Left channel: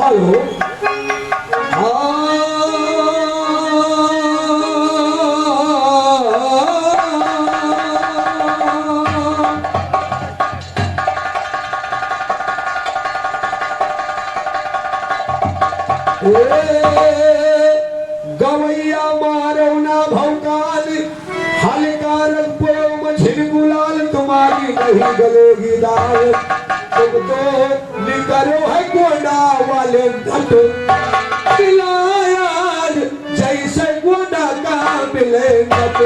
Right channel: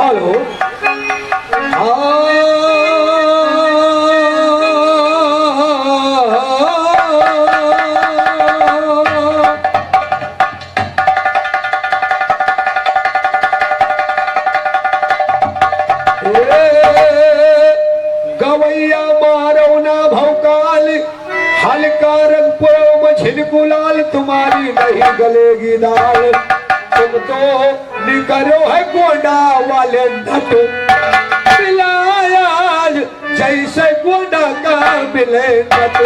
Hello गवैया मारो ना भौकाल हल्का रंग पुरो में झिलगुलाल तुम्हारी नहीं गलेगी दाल तुम तो निकलो है गोंडा वाले नट मिलायाल जैसे गोंडा का मिले नट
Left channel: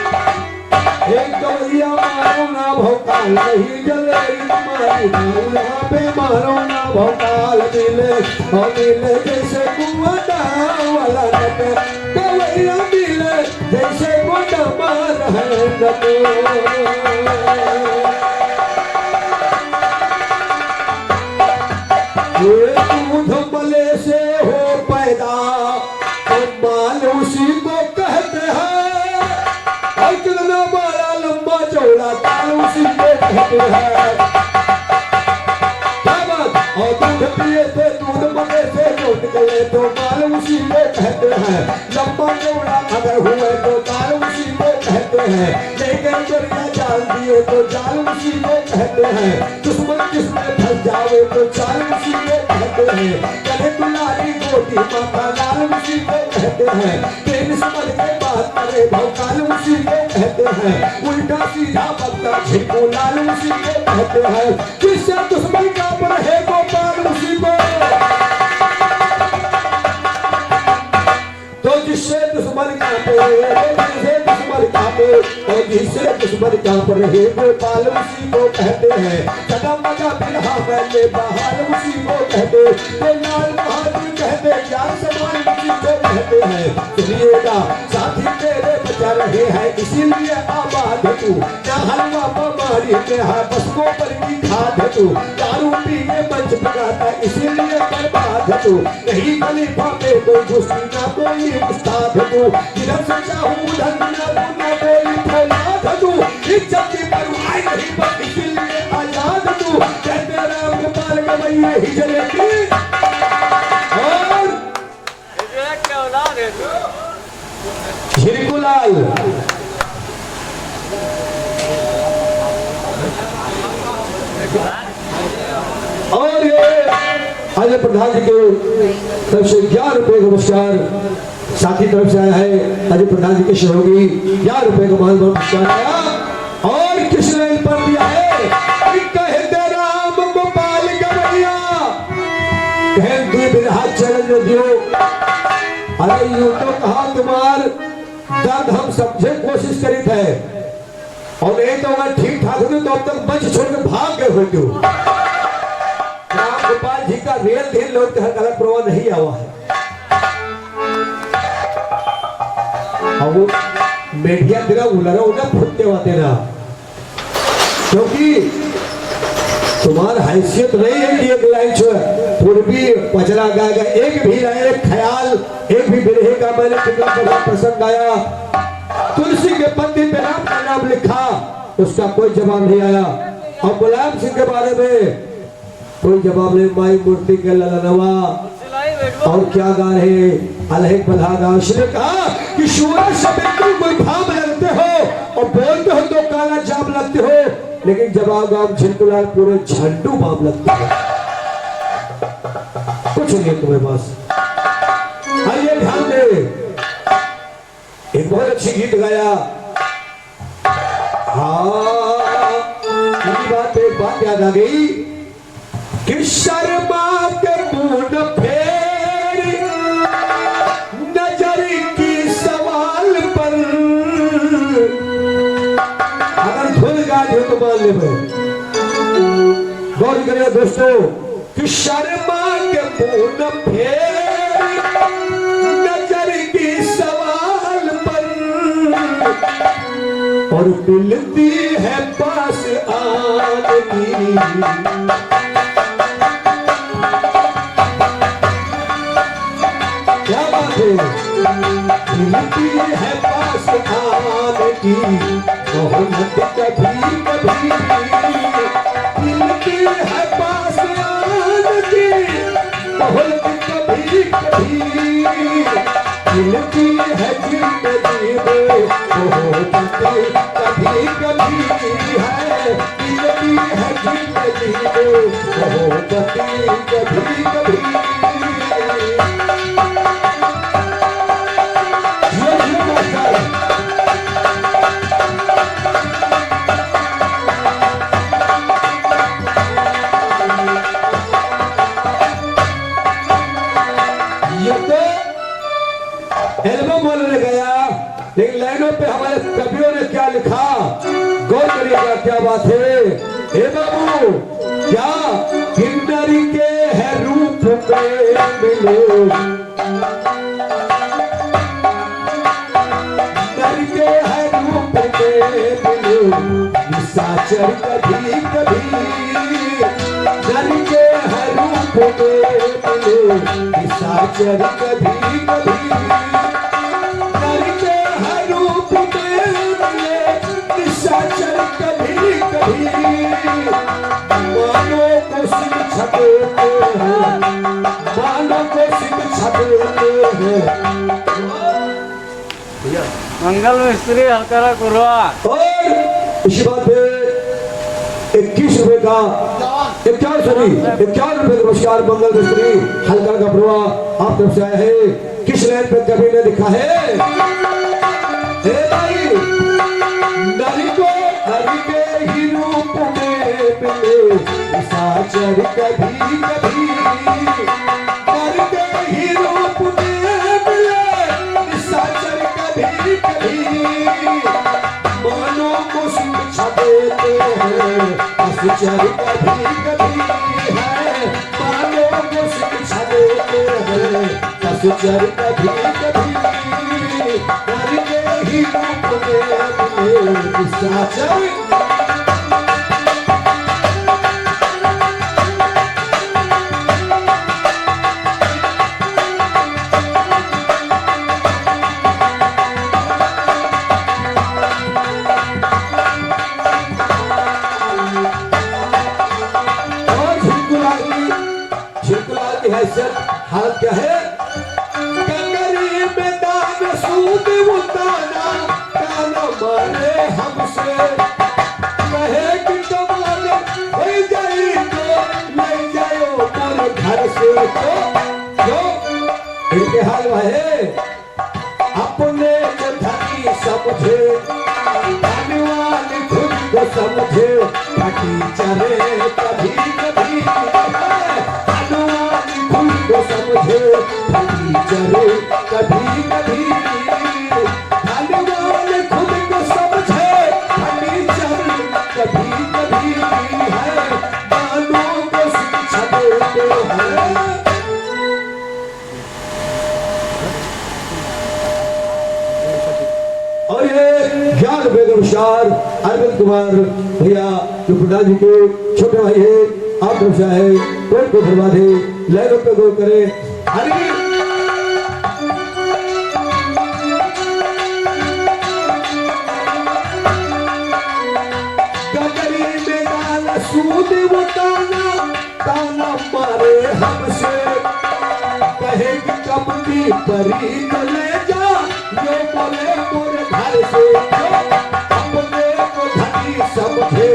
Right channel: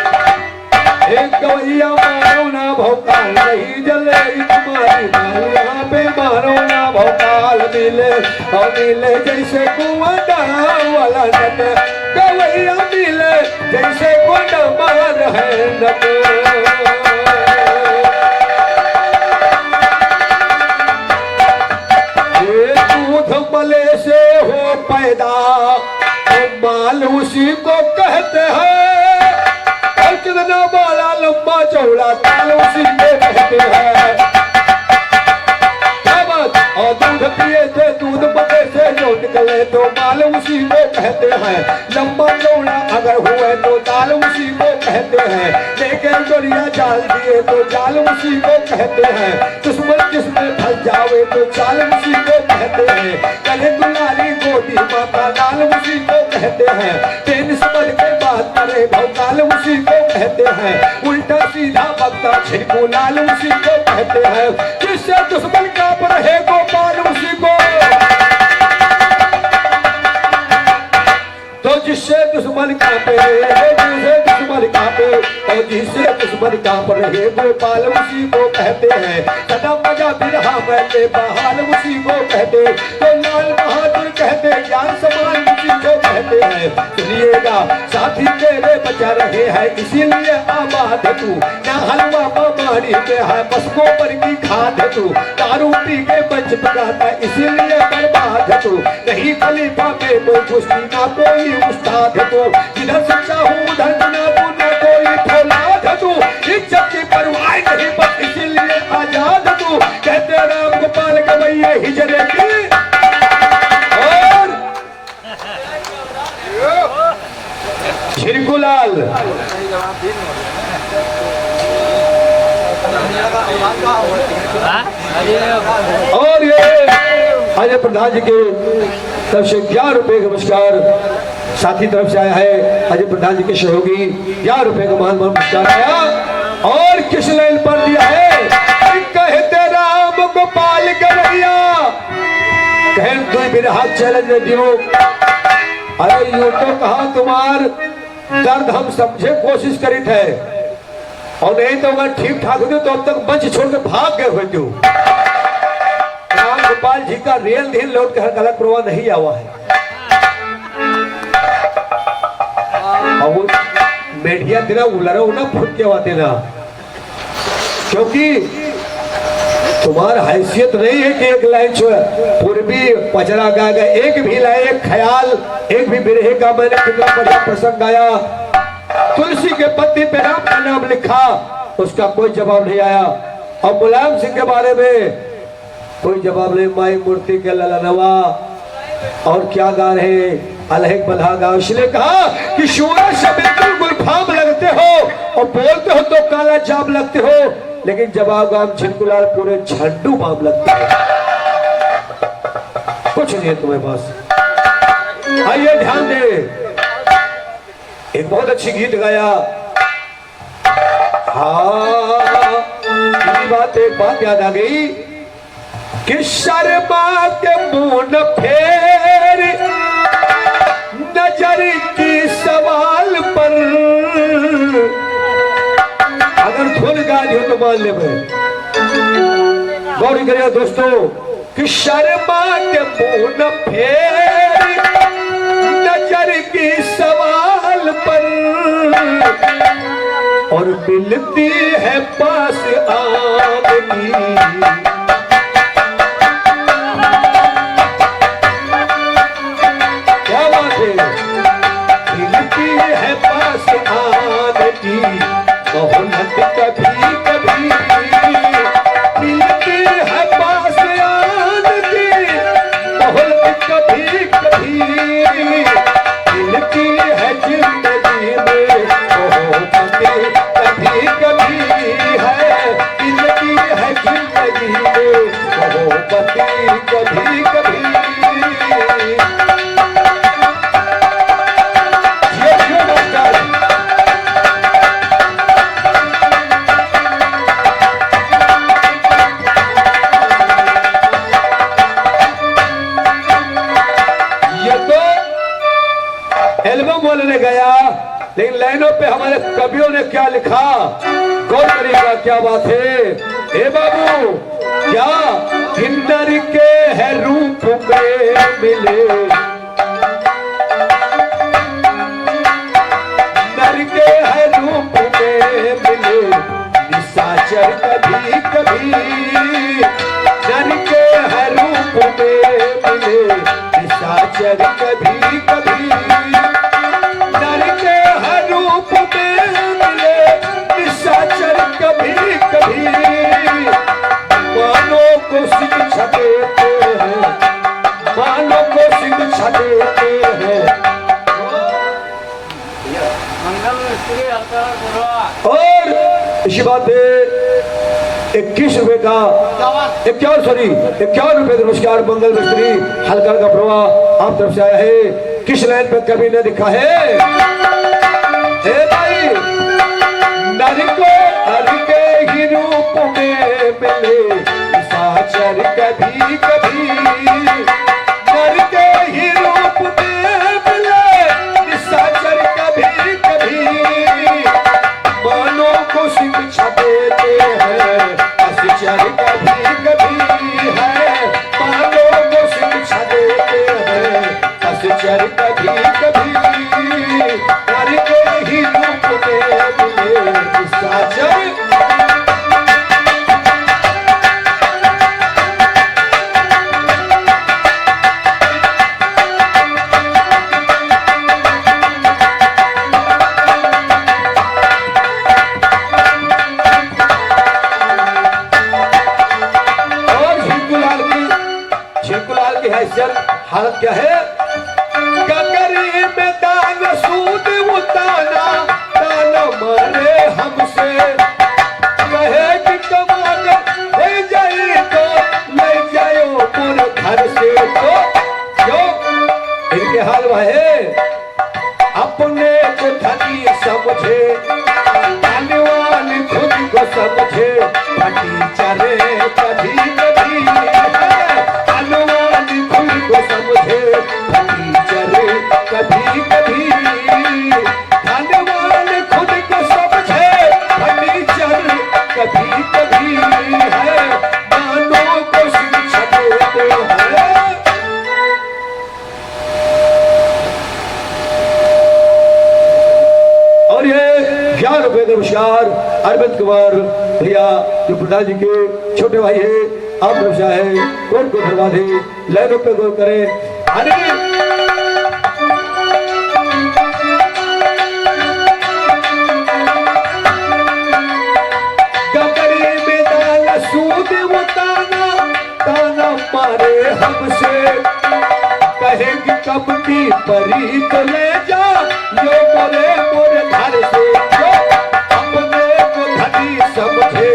एक गवैया मारो ना भौकाल नहीं जलेगी तुम्हारी दाल यहाँ पे मारो ना भौकाल मिले और मिले जैसे गोंडा वाला नट गवैया मिले जैसे गोंडा मार है नट दूध मले से हो पैदा माल उसी को कहते हैं और कितना बड़ा लंबा चौड़ा काल उसी को कहते हैं और दूध पिए से दूध मले से जो निकले तो माल उसी को कहते हैं लंबा चौड़ा अगर हुए तो दाल उसी को कहते हैं लेकिन गोरिया जाल दिए तो जाल उसी को कहते हैं दुश्मन जिसमें फंस जावे तो चाल उसी को कहते हैं कहे दुलारी गोटी माता दाल उसी को कहते हैं तेन समझ के बात करे भौकाल उसी को कहते हैं उल्टा सीधा बकता झिड़को लाल उसी को कहते हैं जिससे दुश्मन का पर है गोपाल उसी को तो जिससे दुश्मन कांपे जिससे दुश्मन कांपे और जिससे दुश्मन कांप रहे गोपाल उसी को कहते हैं सदा मजा बिरहा मैंने बहाल उसी को कहते तो लाल बहादुर कहते ज्ञान समान उसी को कहते हैं सुनिएगा साथी मेरे बचा रहे हैं इसीलिए आबाद तू ना हलवा मारी में है बस गोबर की खाद तू दारू पी के मंच पकाता इसीलिए बर्बाद तू नहीं खलीफा पे कोई घुसी ना कोई उस्ताद तू जिधर से चाहूं उधर ना तू ना कोई फौलाद तू इज्जत की परवाह नहीं बस इसीलिए आजाद तू कहते राम गोपाल गवैया हिजरे की और झिरकुलाल और ये अजय प्रधान जी के तरफ से 11 रुपए का पुरस्कार साथी तरफ से आया है अजय प्रधान जी के सहयोगी 11 रुपए का मान पुरस्कार आया और किस लाइन पर दिया है कहते राम गोपाल गवैया कहन तू बिरहा चैलेंज दियो अरे यूं तो कहा तुम्हार दर्द हम समझे कोशिश करी थे और नहीं तो अगर ठीक ठाक होती तो अब तक मंच छोड़ के भाग गए हुए तू राम गोपाल जी का रियल ढील लौट कर गलत प्रभाव नहीं आवा है और वो मीडिया तेरा उलरा उना फुट के आते ना क्योंकि तुम्हारी हैसियत नहीं है कि एक लाइन पूर्वी पचरा गाएगा एक भी लाइन एक ख्याल एक भी बिरहे का मैंने कितना बढ़िया प्रसंग गाया तुलसी के पत्ती पे राम का नाम लिखा उसका कोई जवाब नहीं आया और मुलायम सिंह के बारे में कोई जवाब नहीं माई मूर्ति के ललनवा और क्या गा रहे अलग बल्हा गा उसने कहा कि सूरज से बिल्कुल गुलफाम लगते हो और बोलते हो तो काला जाम लगते हो लेकिन जवाब गाम झिलकुलाल पूरे झंडू बाम लगते हो कुछ नहीं है तुम्हें बस आइए ध्यान दे एक बहुत अच्छी गीत गाया हाँ एक बात याद आ गई कि शर्मा के मुंह फेर नजर की सवाल पर अगर भूल गए तो मान ले मैं गौर करिएगा दोस्तों कि शर्मा के मुंह फेर नजर की सवाल पर और मिलती है पास आपकी क्या बात है मिलती है पास आने की मोहब्बत कभी कभी में मोहब्बती कभी कभी। ये मास्टर ये तो एल्बम बोलने गया, लेकिन लाइनों पे हमारे कवियों ने क्या लिखा गौर करिएगा, क्या बात है। हे बाबू क्या किन्नर के है रूप में मिले, नर के है रूप में मिले निशाचर कभी कभी, नर के है रूप में मिले निशाचर कभी कभी, नर के है रूप में मिले निशाचर कभी कभी। मानो को शिक्षा देते हैं, मानो को शिक्षा देते हैं। मंगल मिस्त्री हल्का कुरवा और इसी बात पे 21 रुपए का 51 रुपए का नमस्कार मंगल मिस्त्री हल्का का प्रवाह आप तरफ से आया है। किस लाइन पे कभी ने लिखा है, हे भाई नर को नर के ही रूप में मिले निशाचर कभी कभी, नर के ही रूप में मिले निशाचर कभी कभी। मानो को शिक्षा देते हैं अशिचर कभी कभी है, मानो को शिक्षा देते हैं अशिचर कभी कभी, नर के ही रूप में मिले निशाचर। हालत क्या है, ककरी में दान सूद उताना ताना मारे हमसे, कहे कि तुम अगर ले जाई तो ले जाओ पूरे घर से। तो क्यों इनके हाल वह है, अपने को धनी समझे धनवान खुद को समझे, फटी चले कभी कभी धनवान खुद को समझे, फटी चले कभी कभी धनवान खुद को समझे, फटी चले कभी कभी है। मानो को शिक्षा देते हैं। और ये 11 रुपए का नमस्कार अरविंद कुमार भैया जो प्रधान जी के छोटे भाई है आप तरफ से है, कोट को बर्बाद है, लाइनों पे गौर करें। अरे ककरी में दान सूद वो ताना ताना मारे हमसे, कहे कि कब की परी तो ले जा जो बोले मोरे घर से। अपने को धनी समझे,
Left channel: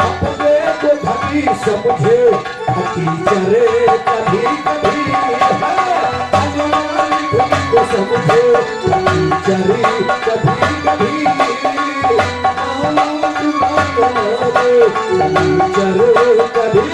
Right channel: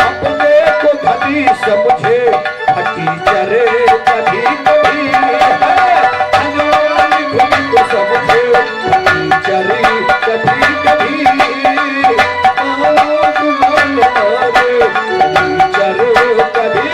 अपने को धनी समझे, हटी चरे कभी कभी है, धनवान खुद को समझे, हटी चरे कभी कभी चरे कभी।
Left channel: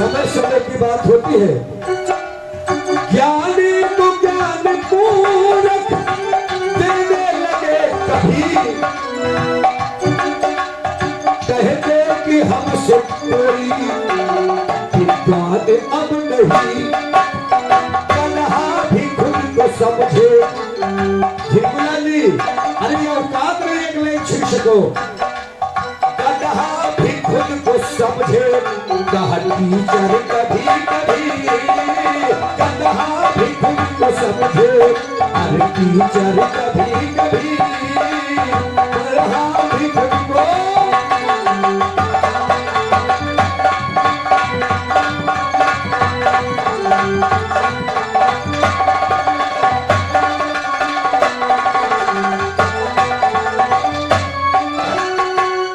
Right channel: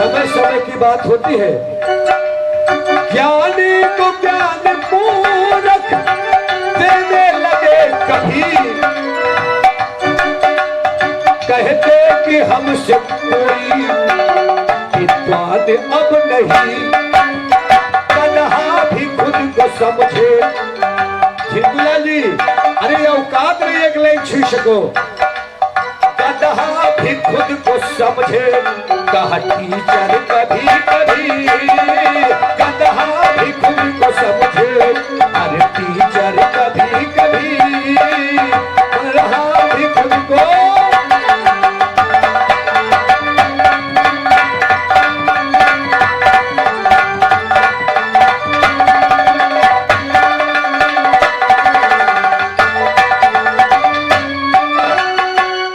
समय समय की बात होती है, ज्ञानी को ज्ञान पूरक देने लगे कभी, कहते कि हमसे कोई विद्वान अब नहीं, तन्हा भी खुद को समझे। झिलमिला जी अरे औकात नहीं एक लाइन छीन सको, भी खुद को समझे, कहा टीचर कभी कभी, गधा भी खुद को समझे, अरे टीचर कभी कभी पढ़ा भी खुद को।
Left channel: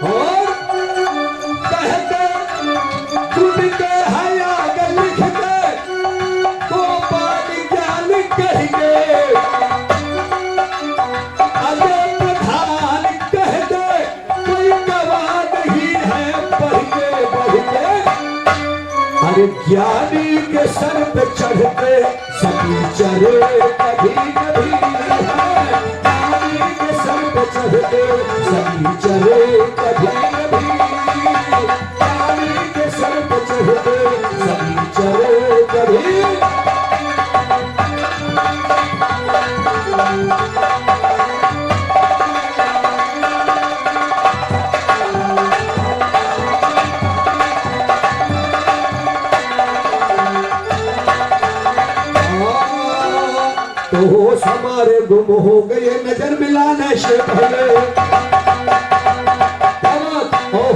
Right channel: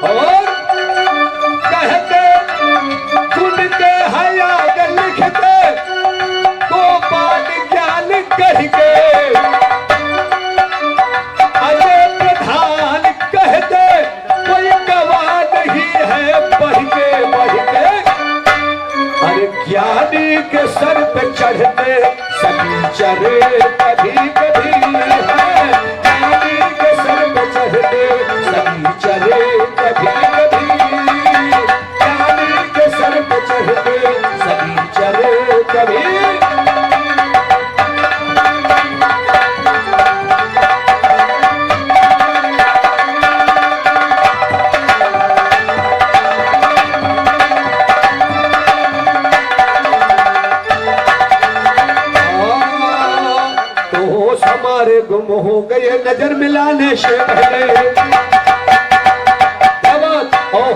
और कहते खुद के हयात लिखते को पाठ ज्ञान कह के अजय प्रधान कहते कोई गवाह नहीं है पढ़ के। अरे ज्ञानी के सर पे चढ़ते सभी चरे कभी कभी है। ज्ञानी के सर पे चढ़ते सभी चरे कभी कभी। ज्ञानी के सर पे चढ़ते सभी चरे कभी। तो होश हमारे गुम हो गए नजर मिलाने से पहले।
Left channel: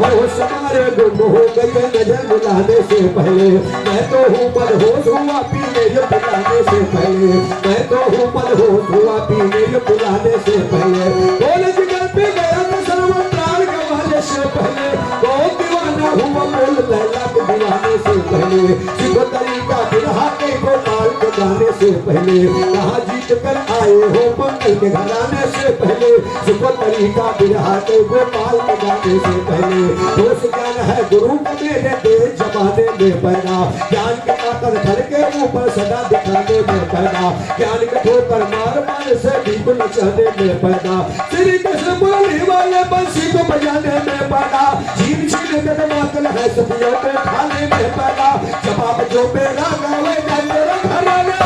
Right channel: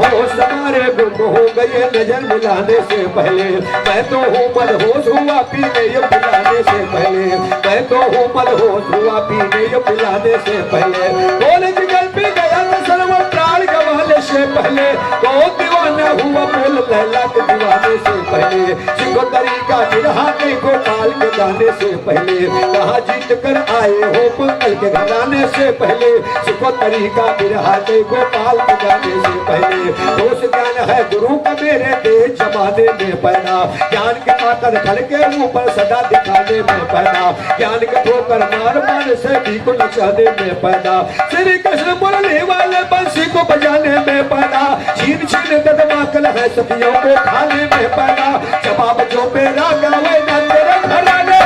होश हमारे गुम हो गए नजर मिलाने से पहले। मैं तो हूँ मदहोश हुआ पीने ये पिलाने से पहले। मैं तो हूँ मदहोश हुआ पीने ये पिलाने से पहले। बोले जिगर पे गया तो सर्व प्राण गवाने से पहले। तो दीवाना हुआ बोल लैला के दीवाने से पहले। सीखो तरीका दिलहाटे को ताल के गाने से पहले। कहाँ जीत कर आए हो मंगल के घराने से पहले। सीखो तरीका दिलहाटे को ताल के गाने से पहले। दोष ज्ञान है गुरु का मेरे देश जमाने में पैदा। ज्ञान के आकर घर के ऊपर सदा दिखाने में पैदा। ज्ञान के ठोकर मार मार से भी को नचाने में पैदा। श्री कृष्ण मुरली वाले बंसी को बजाने में पैदा। छीन छीन कदमा कल है सदियों को खाने में पैदा। जवाब जो मेरा गावे ना तेरे घराने।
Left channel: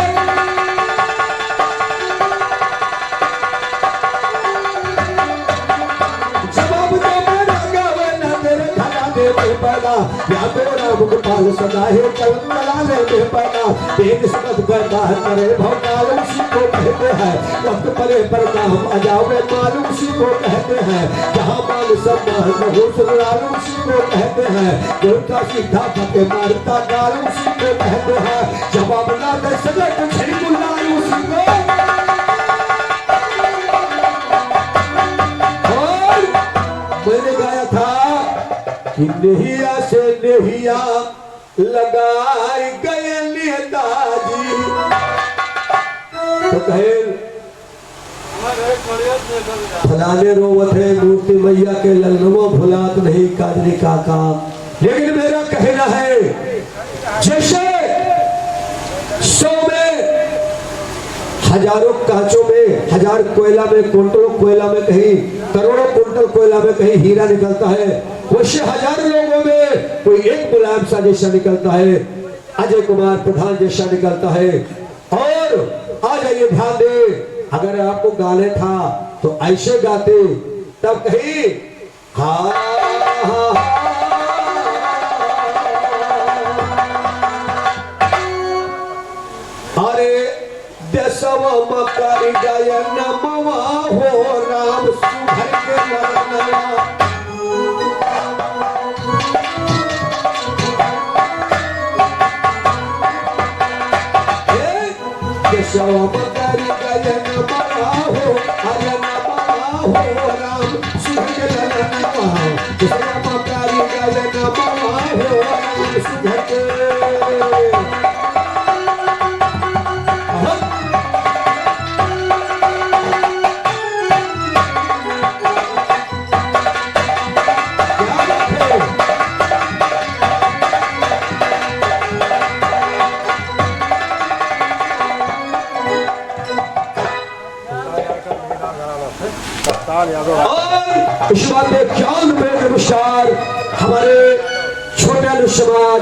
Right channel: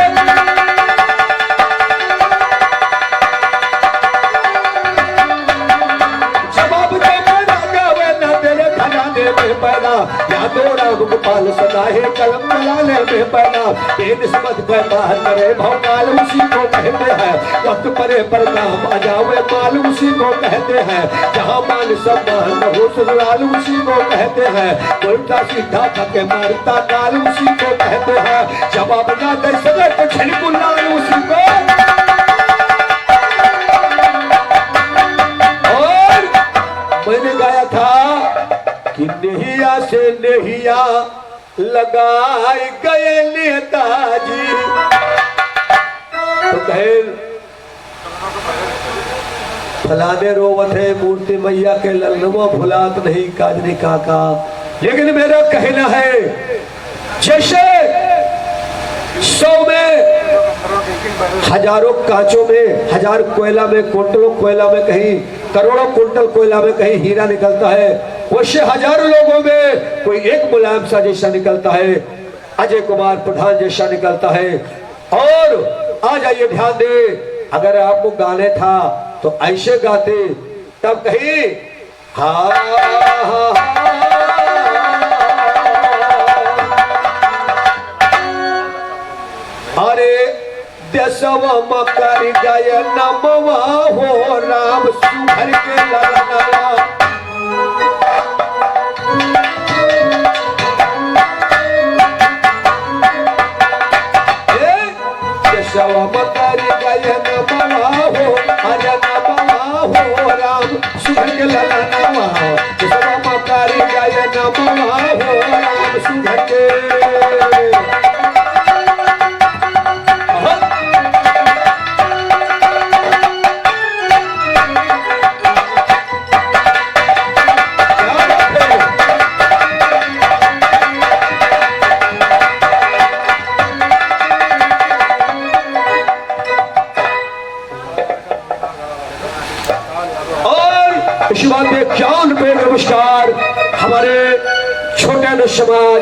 पैदा यादो राम गोपाल सदा है कलम चलाने में पैदा। बेनिस्बत कर बाहर करे भौकाल उसी को कहते हैं। वक्त परे पर काम आ जावे माल उसी को कहते हैं। जहाँ माल सम्मान हो सुराल उसी को कहते हैं। उल्टा सीधा धक्के मारता गाल उसी को कहते हैं। जवाब ना दे सके तो झिलमुलाल उसी को। और मैंने गाया था कि नहिया से नहिया लगाए गए नेताजी। तो कहे फलाने रोवत है मूर्ति मैया के ललनुमा भुलात नहीं काजरी काका। लेकिन मेरा कहना है जैसे 100 में हजारों कांचों में, हजार कोयला में, कुंटलों कोयला में, कहीं करोड़ों कुंटल कोयला में कहीं हीरा निकलता है। वैसे हजारों लोगों में कोई एक मुलायम सा जैसा निकलता है, अजय कुमार प्रधान जैसा निकलता है। और आ जाइए ध्यान दे, अगर आपको गाने था तो ऐसे गाते तब कहीं अरे देशव मकर गय नमवा हो राम सुधर के लड़नवा। देशव मकर गय नमवा हो अरे नमवा हो राम सुधर के लड़नवा। देशव मकर गय नमवा हो राम सुधर के। और इसी बात पे जान पे नमस्कार हमारे छोटे अनुष्मान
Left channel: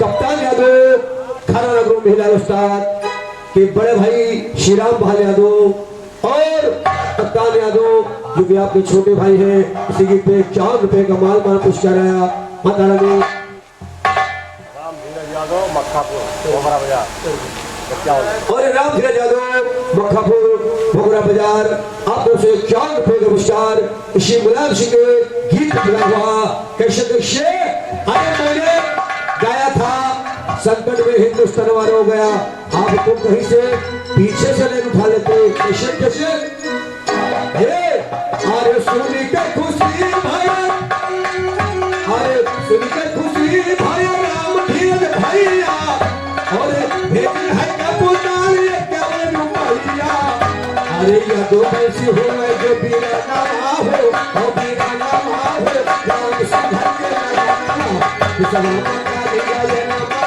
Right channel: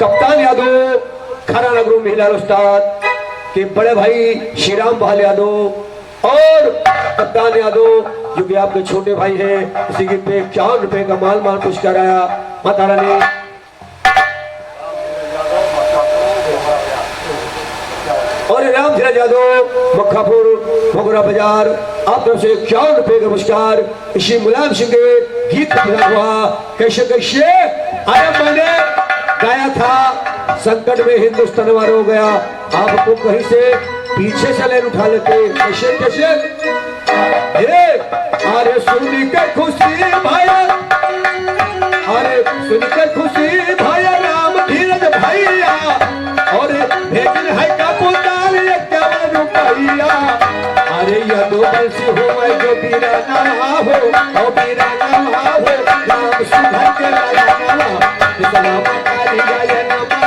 कप्तान यादव, खाना नगरों महिला उस्ताद के बड़े भाई श्री राम बहाल यादव और कप्तान यादव जो कि आपके छोटे भाई हैं, इसी की पे 4 रुपए का माल पुरस्कार आया। माता रानी और राम धीरज यादव मक्खापुर भोगरा बाजार आप लोग से 51 रुपए का पुरस्कार इसी मुलायम सिंह के गीत मिला हुआ। कैसे कैसे अरे मैंने गाया था संकट में हिंदुस्तान वार हो गया, आपको कहीं से पीछे से लेन उठा लेते। कैसे कैसे अरे सुन के खुशी भाई, अरे सुन के खुशी भाई राम धीरज भैया और भेजन है कबूतर ये केवल रुपैया। अरे यह दो बंसी हो जो बीराना हो बीराना हो राम सुधर के लाया किसवा मतारी गाय नामा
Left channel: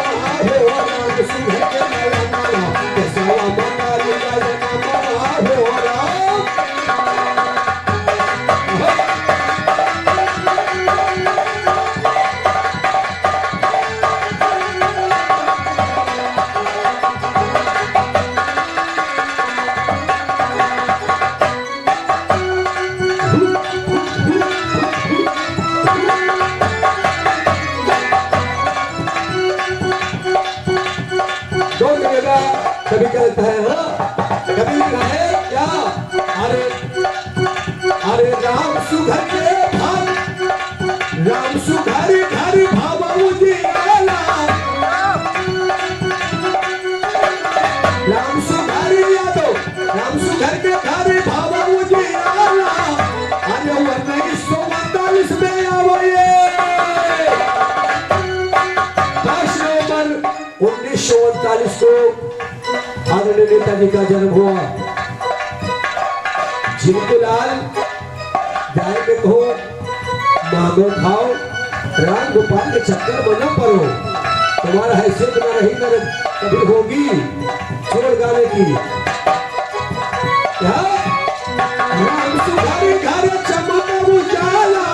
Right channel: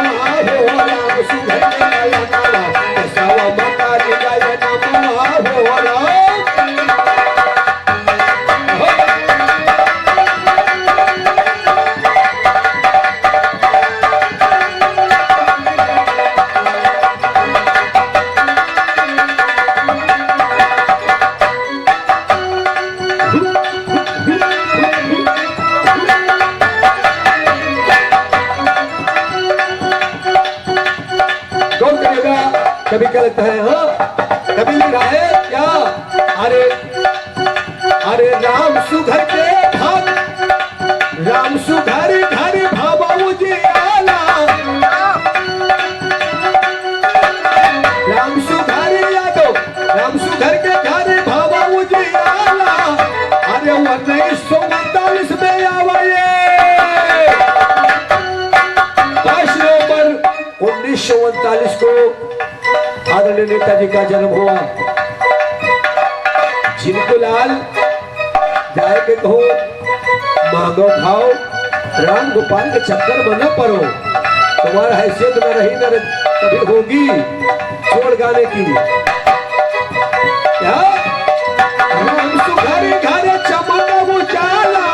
हो राम सुधर के लाया नामा किसवा मतारी गाय नामा हो राम। कभी क्या लगता है हाँ कभी लगा है क्या अरे अरे राम सुघर के भाव राम सुघर घर भावा उजियाला राम सुघर यादव राम सुघर के घर भावा उजियाला। अरे 1942 में आवाए 5 नवंबर 1939 को आदरणीय नेताजी का जन्म हुआ। जिनको लाल जाए के कहो मांगो खाओ राम गोपाल के चक्कर में न पड़ो, तुम्हारा हैसियत न रही न कभी होगी छोड़ गाने की। क्या राम सुघर घर चमक उजाला।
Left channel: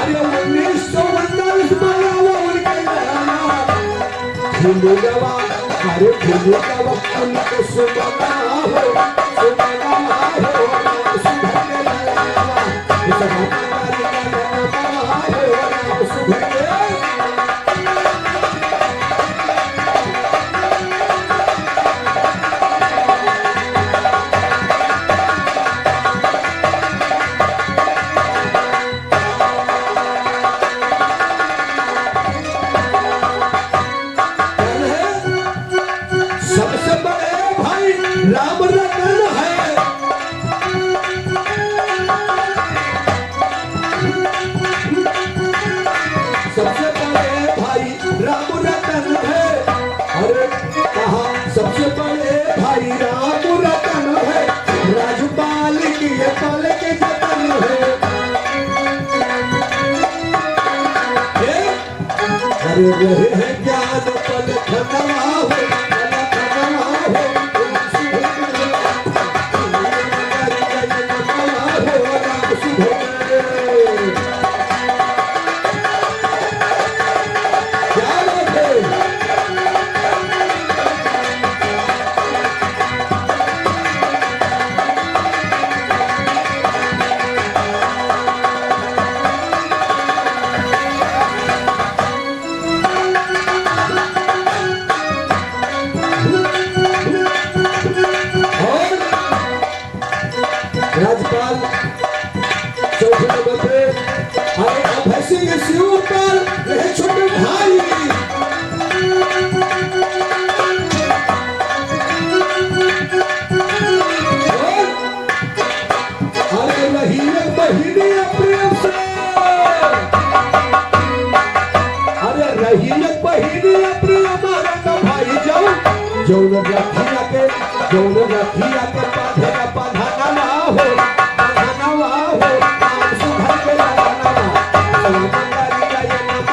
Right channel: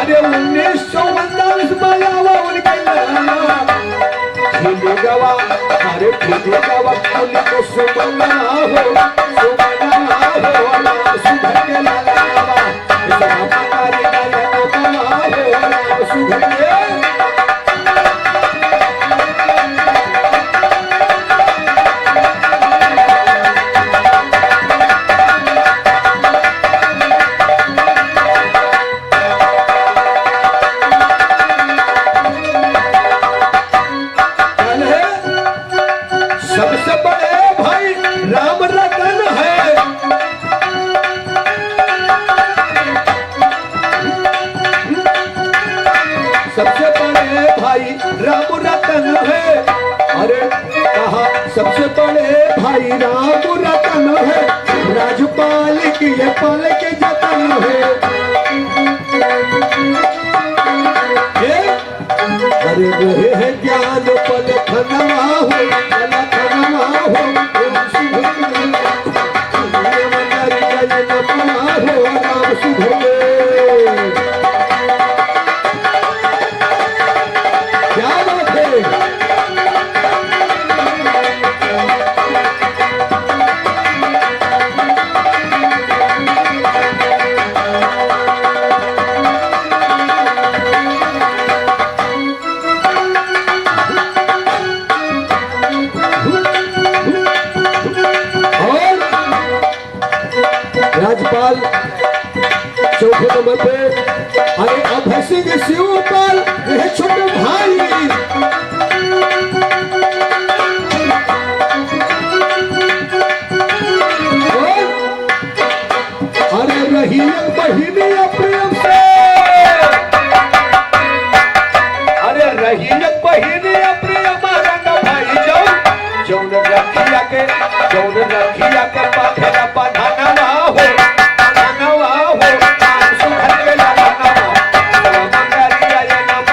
अरे 1939 में आवा उनके हिंदू गवा अरे हिंदू गवा उनको सुमना हो सुधर के लाया किसवा मतारी गाय नामा हो राम सुधर के। सबसे बड़े भाई राम रतन है, सबसे बड़े भाई राम रतन है। अरे कहा सबसे बड़े भाई राम रतन है, राजपाल की है पाल के जतन है। अरे रहे है ज्ञान पद खतरा हो राजपाल चौथे नंबर पे। अरे अभय सिंह शिवपाल रहे छोटे भाई। अरे रही बहिनी प्रेम से, अरे रही बहिनी प्रेम भाई जौन रखिया के पाधना पाधाना ना हो सुधर के लाना किसवा मतारी गाय नामा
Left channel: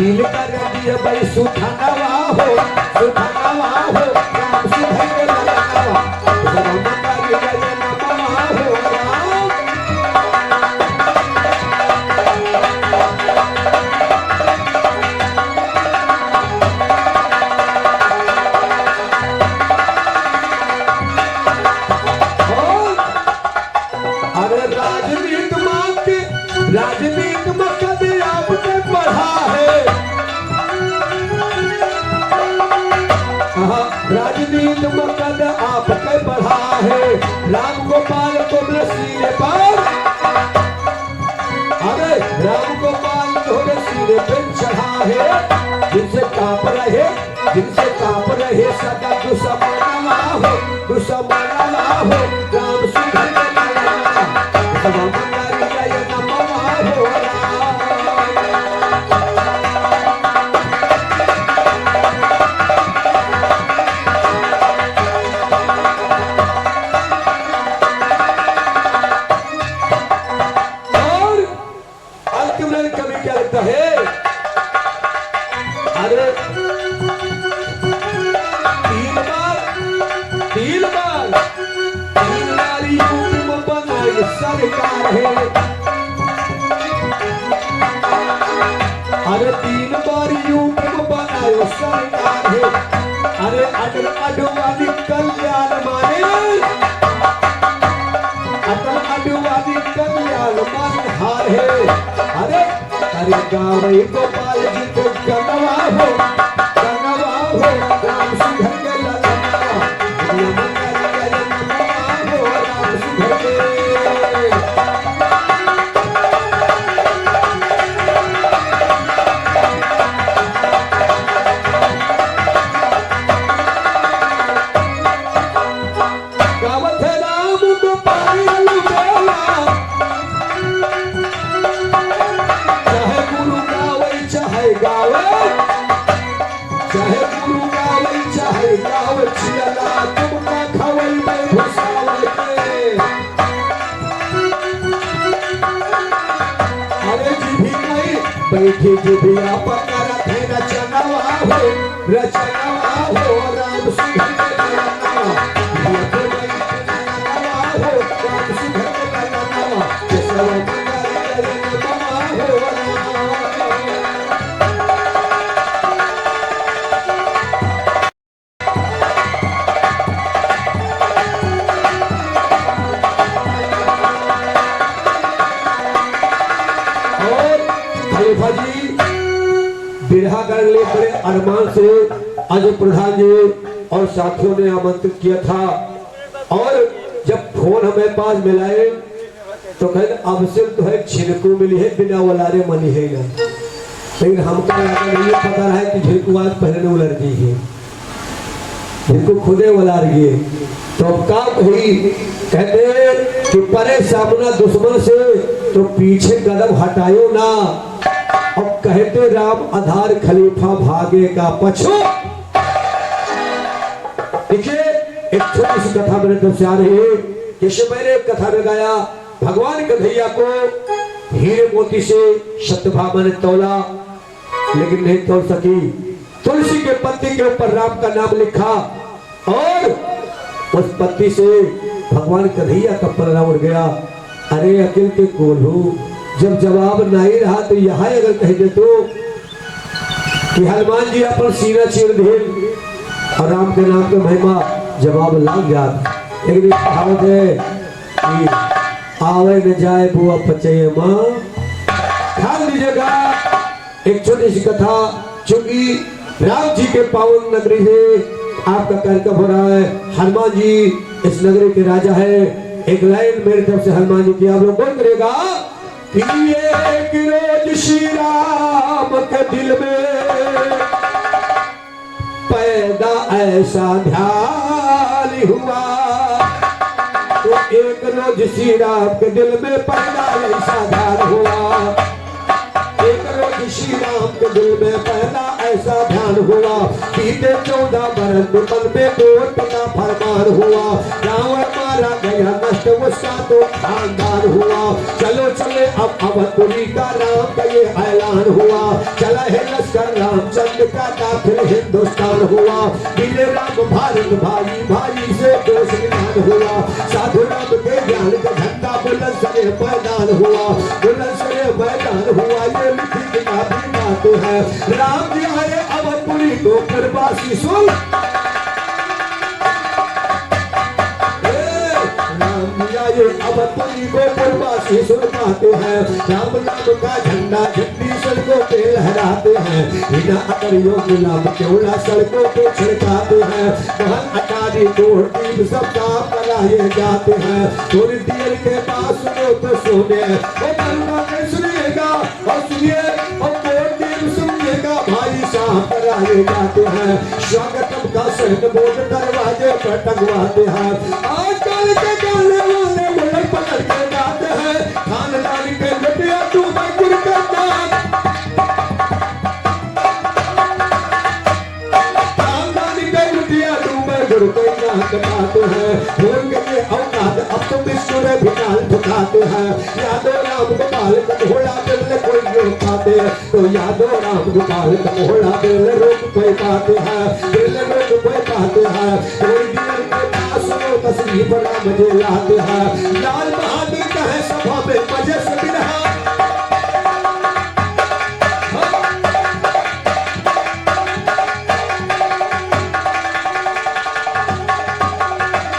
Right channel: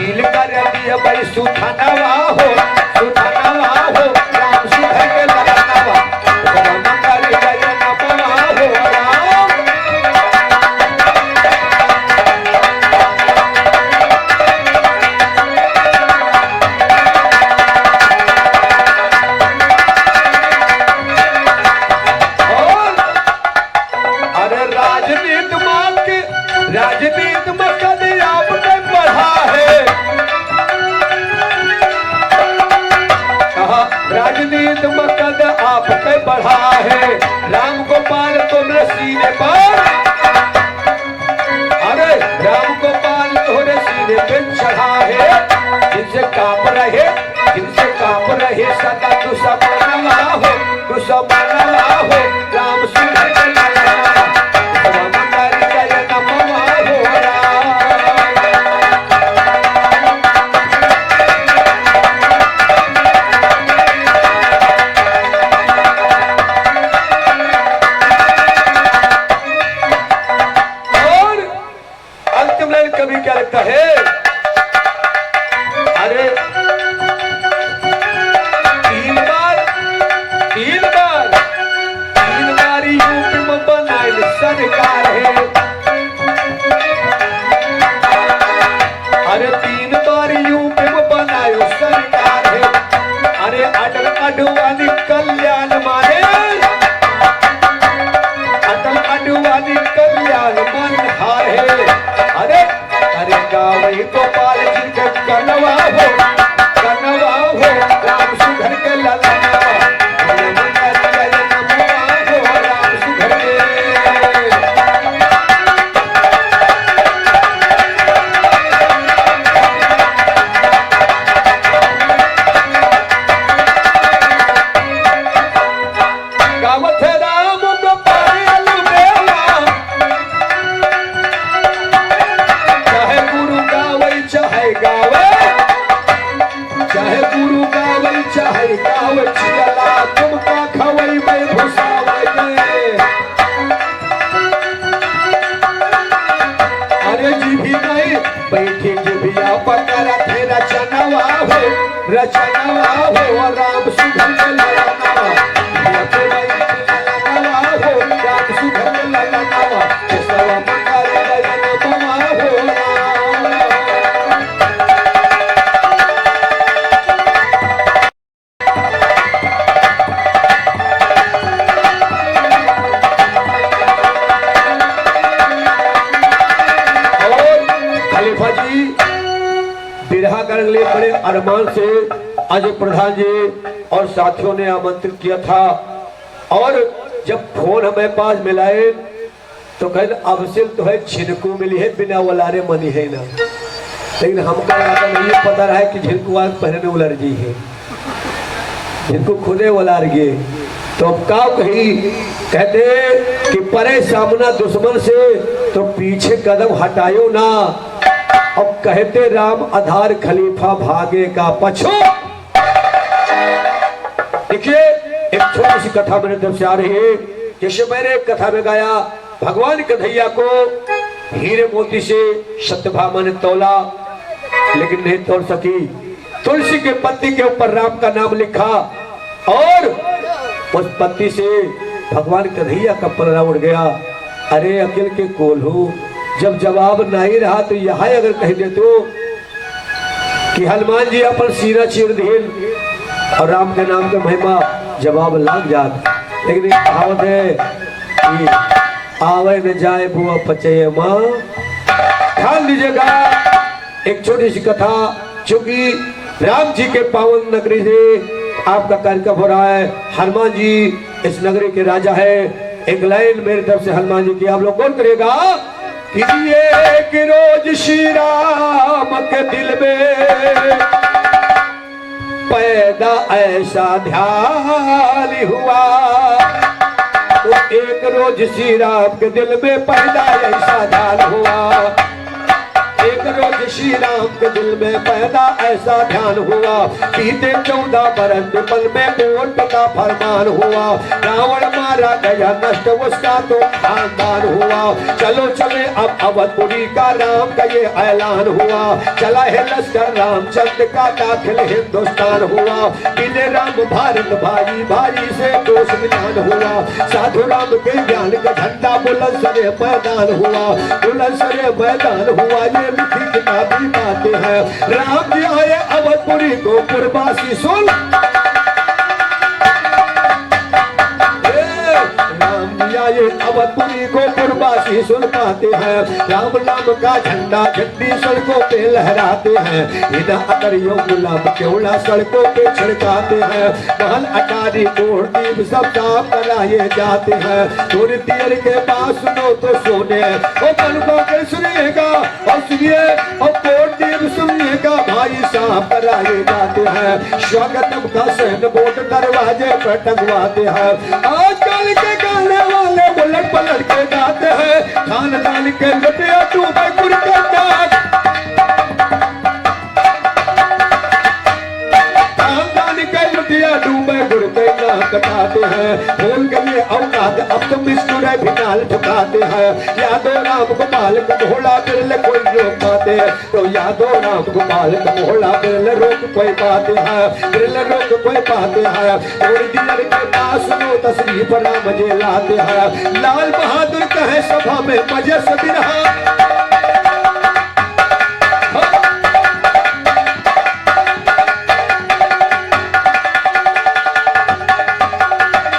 ढील कर दिया भाई सुथनवा हो राम सुधर के ललनवा राम कर जय नमवा हो राम। अरे राजनीति में कभी आपने पढ़ा है, राजनीति में कद आपके बढ़ा है, राम गोपाल तोरे सीने पर, अरे राम गोपाल तोरे सीने पे चढ़ा है, जिनसे कांप रहे सदा दुश्मनवा हो राम सुधर के ललनवा राम कर जय नमवा हो राम। और अंत में कवि क्या लगता है, अरे तीन बार यूपी में बनाई सरकार है, अरे 3 बार यूपी में बनायो सरकार है, अरे अडवाणी कल्याण माने अडवाणी कल्याण मनहार है, अरे गावई गोपाल जी के कनवा हो राम सुधर के ललनवा राम कर जय नमवा हो राम सुधर के। गावत है राम गोपाल अलबेला, चाहे गुरु गावई चाहे गावे छियला तुमका खवई में घुसावे के, अरे जीभी नहीं बैठे जीभिया पकड़ थे रचनवा हो राम सुधर के ललनवा राम सुधर के ललनवा केशवा मंगल जय नमवा हो राम। खलीफा जी बिरहा करने के लिए बड़े अरमान से आज प्रधान जी और साथियों ने आमंत्रित किया था, और जब फोन हमें पास मिलाए तो कहते अब से तो है छिनको मिली है बिना वलारे मनी है ना, लेकिन हमको नहीं पता रहा है कि झिनको आज पहनने उलर गई है, जिनको खुदे उलार गए तो अब का कही कहते कि परे सामना दुश्मन से तो पीछे कदम हटायो ना, अब कहते राम आधार खलीफा भागे का पछो। देखिए एक छोटी सी कथा मेरे तरफ से आ रही है, जैसे मैंने एक कथा में गाया भगवान कन्हैया को हीरे मोती से सत्यभामा ने तोला लेकिन नहीं तोड़ सकी, तुलसी के पत्ती के ऊपर राम का नाम लिखा और उस पत्ती से भगवान कन्हैया का पलड़ा उड़ गया। अरे अकेल के कोल्हू जब जवाब नहीं रहा तो यहाँ अगर कह दे तो कि हनुमान जी अपन सीना चीर दिए और राम के नाम के महिमा जवाब लग जात, लेकिन एक कहावत है कि आवे न जाए बुआ पचे माँ। ध्यान दीजिएगा एक छोटी सी कथा, चूंकि राम जी के पावन नगरी से आपका कार्यक्रम हो रहा है, हनुमान जी इस नगरी के राजा है। एक लाइन मेरी तरफ से हनुमान जी की आप लोग कौन करेगा कि एक रोज श्री राम के दिल में पैदा ऐसा ध्यान हुआ, तो एक रोज श्री राम के दिल में पैदा ऐसा ध्यान हुआ, एक एक रोज श्री राम के दिल में पैदा ऐसा ध्यान हुआ, बीते 14 बरस पल में कोट का फरमान हुआ, रावण मारा गया नष्ट उसका तो खानदान हुआ। चलो चले अब अवधपुरी का राम का ये ऐलान हुआ, चला है लश्कर रामचंद्र का दाखिल हिंदुस्तान हुआ। मिले राम भारत भाई भाई से दोष मिलान हुआ, साधु राम के ज्ञान का झंडा बुलंद सरे मैदान हुआ, बुलंद सरे मैदान हुआ। ये लिखी किताबी बातें हैं, राम जी आए अवधपुरी को पुरवासी सुन। अवधपुरी को पुरवासी सुन पाते हैं, राम नाम का झंडा झंडी सड़कों पे लहराते हैं, बिना अकरियों गुलाब केवड़ा सड़कों पे छिड़काते हैं, महल अटारी तोड़ दीप सब साफ कराए जाते हैं। थोड़ी देर के बाद सुनो तो सोने और बनवा के सुनिएगा और सुनिए और तोड़ दीप सुनिएगा, भाई साफ कराए जाते हैं। स्वागतम का सैन बोर्ड दरवाजे पर टंगवाते हैं, आजकल के गाने वाले उलट पलट के गाते हैं, खानदान के लुटिया डूबे गुर के नाक, खानदान के लुटिया डूबे गुर के नाक कटाते हैं। भूल गए औकात अब तुम बिस्कुरे भी नाल ठुकाते हैं, यादो राम गोपाल का घोड़ा बिरले कोई रोक पाते हैं, तो यादो राम गोपाल का घोड़ा बिरले रोक कोई पाते हैं, बिरले रोक कोई पाते हैं। थोड़ी देर के पास सुनो तस्वीर राम जी लाते हैं, लाल बहादुर कहे सभा में मजे से बिरहा,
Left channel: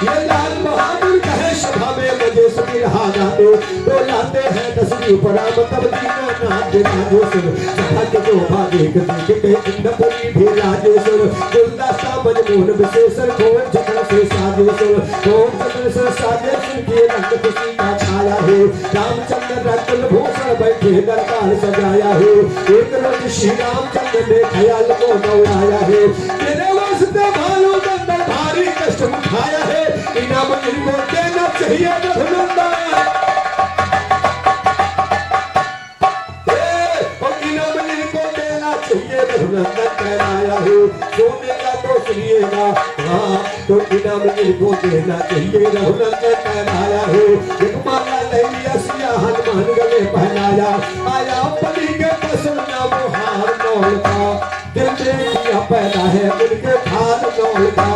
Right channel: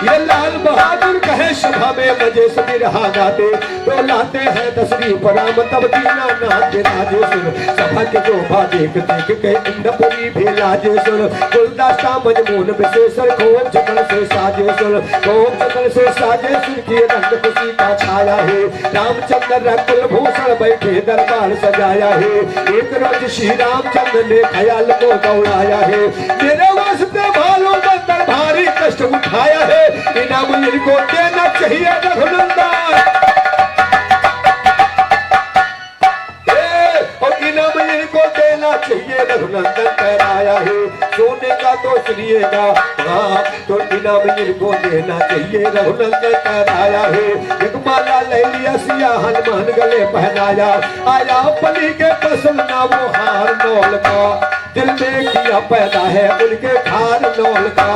ये लाल बहादुर कहे सभा में मजे से बिरहा गाते, तो लाते हैं तशरीफ राम तब दीना नाथ राजेश्वर, सभा के शोभा देख देख के इंद्रपुरी भी राजेश्वर, गुलदस्ता मजमून विशेषर खोम चक्र से साजेश्वर, खोम चक्र से साजेश्वर की रंग खुशी का छाया है, रामचंद्र रकुल भूषण बैठे दरबार सजाया है। एक रोज श्री रामचंद्र ने ख्याल को दौड़ाया है, तेरे वास्ते भालो बंदर भारी कष्ट उठाया है, इनाम इनको देना चाहिए रघुनंदन, इनाम इनको देना चाहिए रघुनंदन कहलाया है। सोने का तो सुनिएगा हाँ, तो इनाम इनको देना चाहिए रघुनंदन कहलाया है। एक माला ले लिया सिया हनुमान गले पहनाया, आया बलि के पसंद नाम हार नौल का, दिल में किया पैदा है उनके खान नौल का,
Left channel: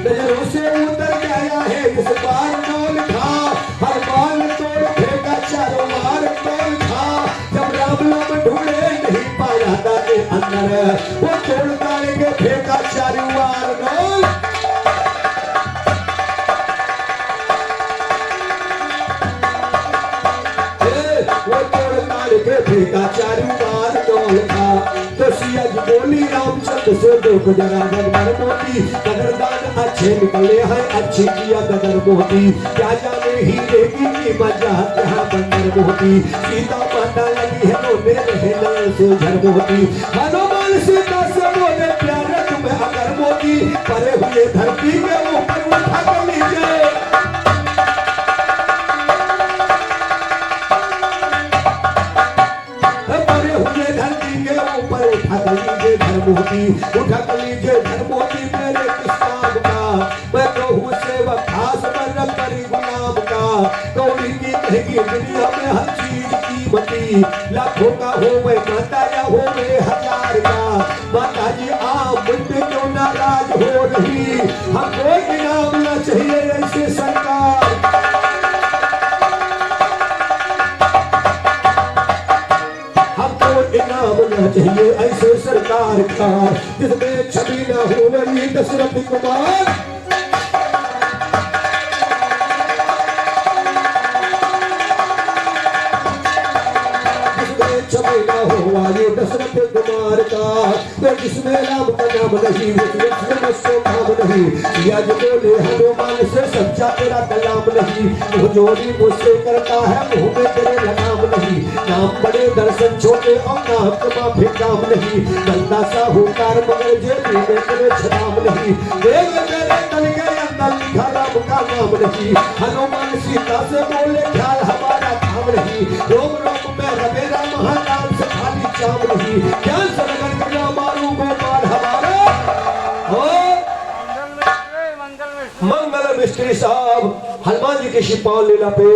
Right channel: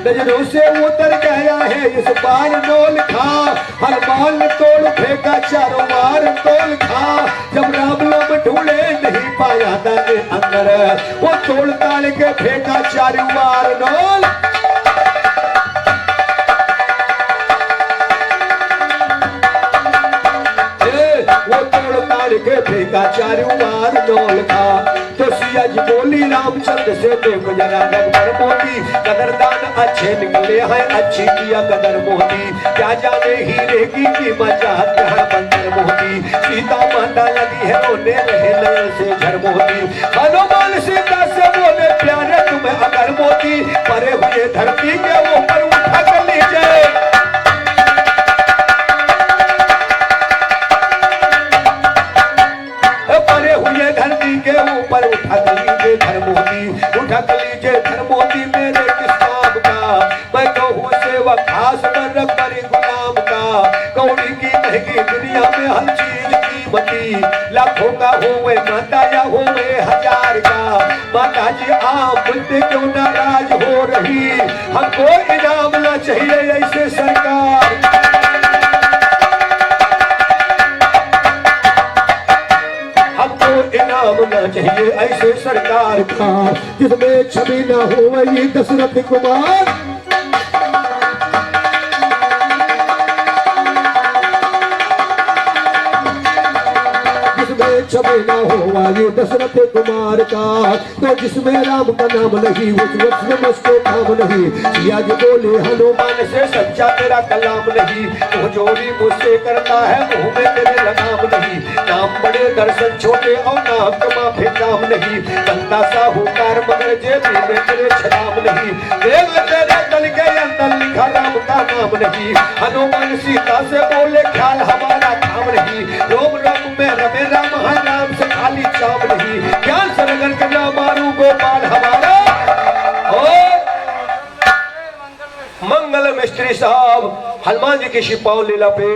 नजरों से उतर गया है इस बार नौल खा, हनुमान तोड़ फेंका चारों बार तोल खा, जब राम लोग ढूंढे नहीं पाया दाने अंदर, वो तोड़ ताड़ के फेंका चारों बार नौल, वो तोड़ ताड़ के फेंका चारों बार नौल खा। तो सिया जी बोली रामचंद्र से देखो जरा गदर मोती, कदरदान अच्छे निकले हैं अच्छी किया गदर मोती, क्या जाने हीरे की कीमत जात है बंदर मोती, सीता माता लगी है रोने रहे नयन से झर मोती, हनुमान सीता से बोले प्यारे तुम्हें अगर मोती, परे हुए धरती के ऊपर उठा कर लीजिए, परे हुए धरती के ऊपर उठा कर लीजिए धर्मोती, उठा कर लीजिए धर्मोती मेरे किस काम का, मैं कहूँ सेवक खास मन करी गुलाम का, कौड़ी की महंगी दुनिया में हर चीज कीमती, लाखों का हो वे माता या हो वे हजार का, माता जी आप मुझसे क्यों नाराज हो रही, हमको इनाम ना चाहिए ऐसे सरकार, इनाम ना चाहिए ऐसे सरकार का, जिसमें छवि ना हो वही दशरथ कुमार, छवि ना हो वायु दशरथ कुमार का, तो जिसमें राम का नाम नहीं उस वक्त उसको काम नहीं, सिया जी बोले हनुमान से सच्चा तेरा कलाम नहीं, वो जोड़ी मुझसे करता है मुँह में तेरे लगाम नहीं, नाम बड़े दर्शन छोटे और नाम कमा फिर काम नहीं, बंदा साहूकार मगर जेबी में तेरे छदाम नहीं, देव तेरे तन के अंदर लिखा राम का नाम नहीं, हनुमान सीता से बोले ख्याल हमारा काम नहीं, रोम रोम में रमे राम नाम से खाली चाव मिस्त्री साहब हनुमान जी की शिपाल लीला पे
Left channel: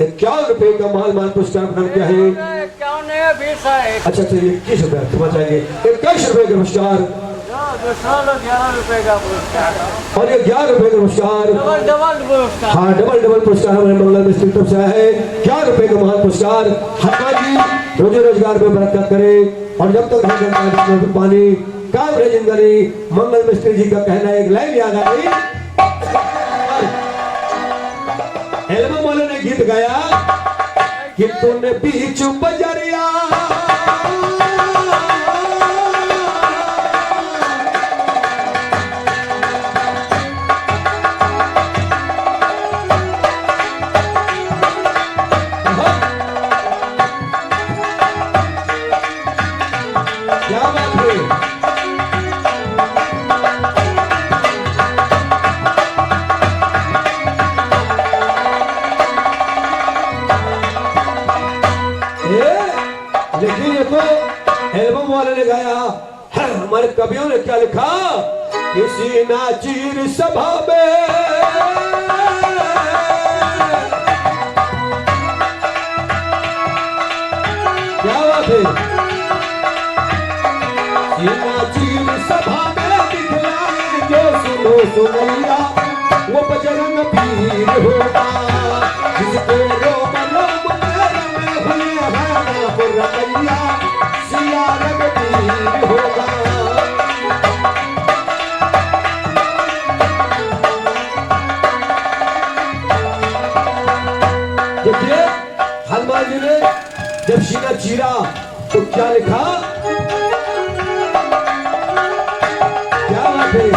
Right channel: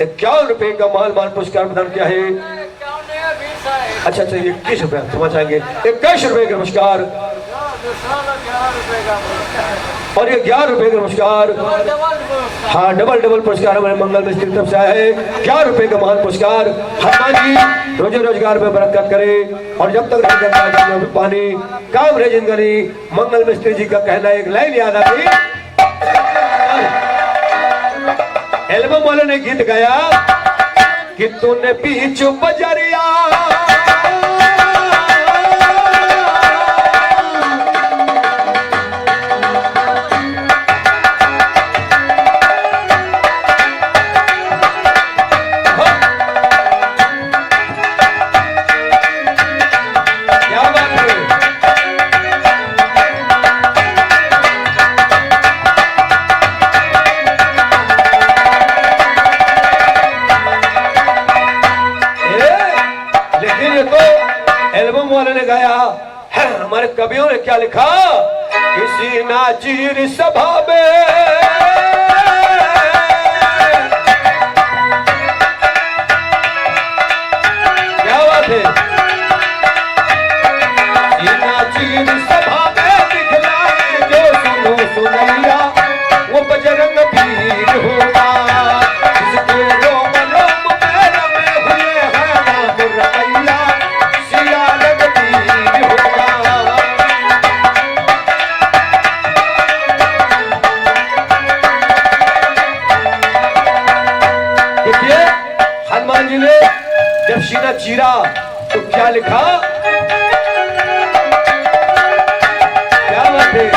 51 रुपए का माल पुरस्कार प्रदान किया है। 51 है, 20 है। अच्छा 21 रुपए क्षमा चाहेंगे, 21 रुपए का पुरस्कार दूसरा लोग 11 रुपए का पुरस्कार और ये 11 रुपए का पुरस्कार। डबल पुरस्कार। हाँ डबल पुरस्कार हमारे मंगल मिस्त्री तरफ से आया है। 11 रुपए का महान पुरस्कार। हनुमान जी रोजी रोजगार में बरकत करे और जब तक रहे जनता में पानी काम रहे जिंदगी। मंगल मिस्त्री जी का कहना एक लाइन याद आ गई। एल्बम वाले ने गीत गाया कि तूने बीच बजरिया एल्बम वाले ने गाया है। हमारे कवियों ने क्या लिखा, किसी नाचीर सभा में क्या बात है, किसी नाचीर सभा में दिखलाए जो सुनो सुनैया वो बजरंग पीर होगा, जिसके रोम रोम में रमे हुए हैं नाम रमैया सिया रघुवीर होगा। देखिए हनुमान जी ने जब सीना चीरा तो क्या लिखा, क्या बात है,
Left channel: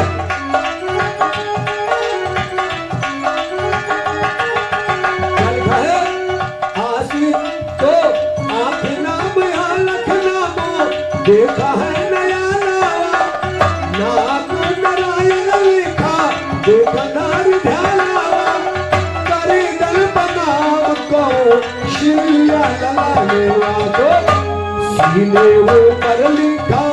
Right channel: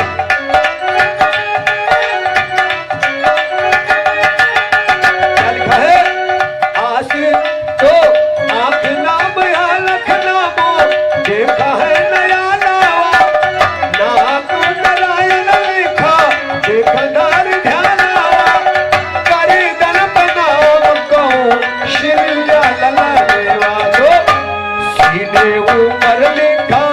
क्या लिखा है, आस तो आंख नाम या लख नामो देखा है नया नावा, नाम नारायण लिखा देखा नार ध्यान आवा, करी दल बनाम को श्रीया ललाने वालो सीने ऊपर लिखा,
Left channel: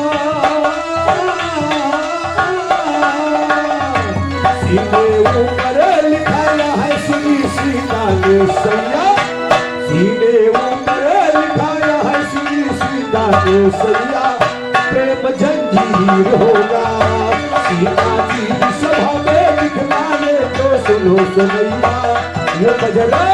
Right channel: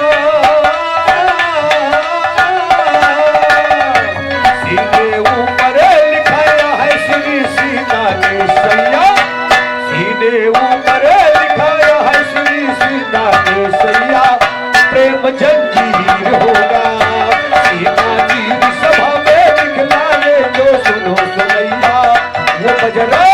सीने ऊपर लिखाया है श्री सीता के सैया, सीने ऊपर लिखाया है श्री सीता के सैया, प्रेम जंजीर होगा, सीता जी की सभा में दिखलाने जो सुनो सुनैया वो बजरंग।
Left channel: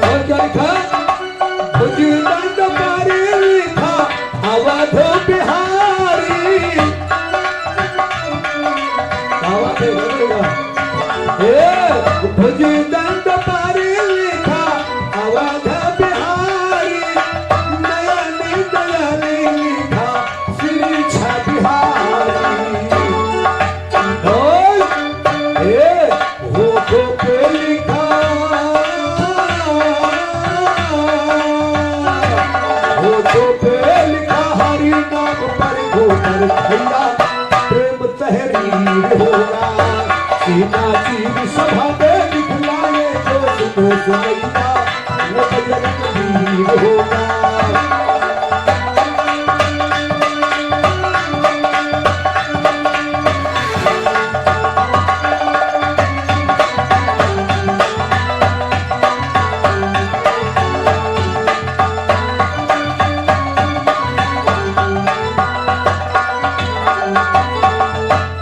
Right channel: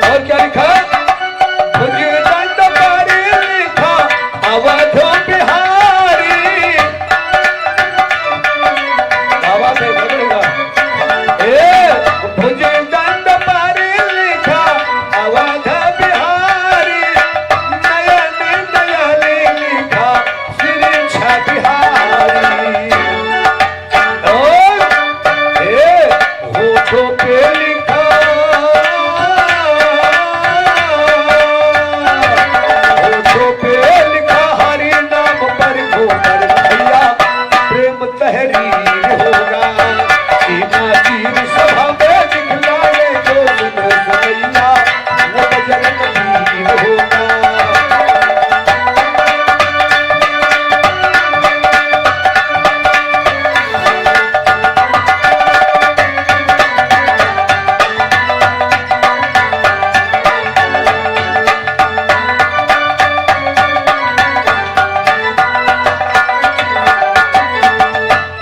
और क्या लिखा, बुद्धिदंड पारी लिखा अवध बिहारी, क्या बात है बोलेगा, बुद्धिदंड पारी लिखा अवध बिहारी, नयन नयन लिखा श्री बिहारी, और होठों पे लिखा, होठों पे लिखा हरि नाम पर गोबर भैया, प्रेम तहरीर होगा, सीता जी की सभा में दिखलाए जो सुनो सुनैया वो बजरंग वीर होगा।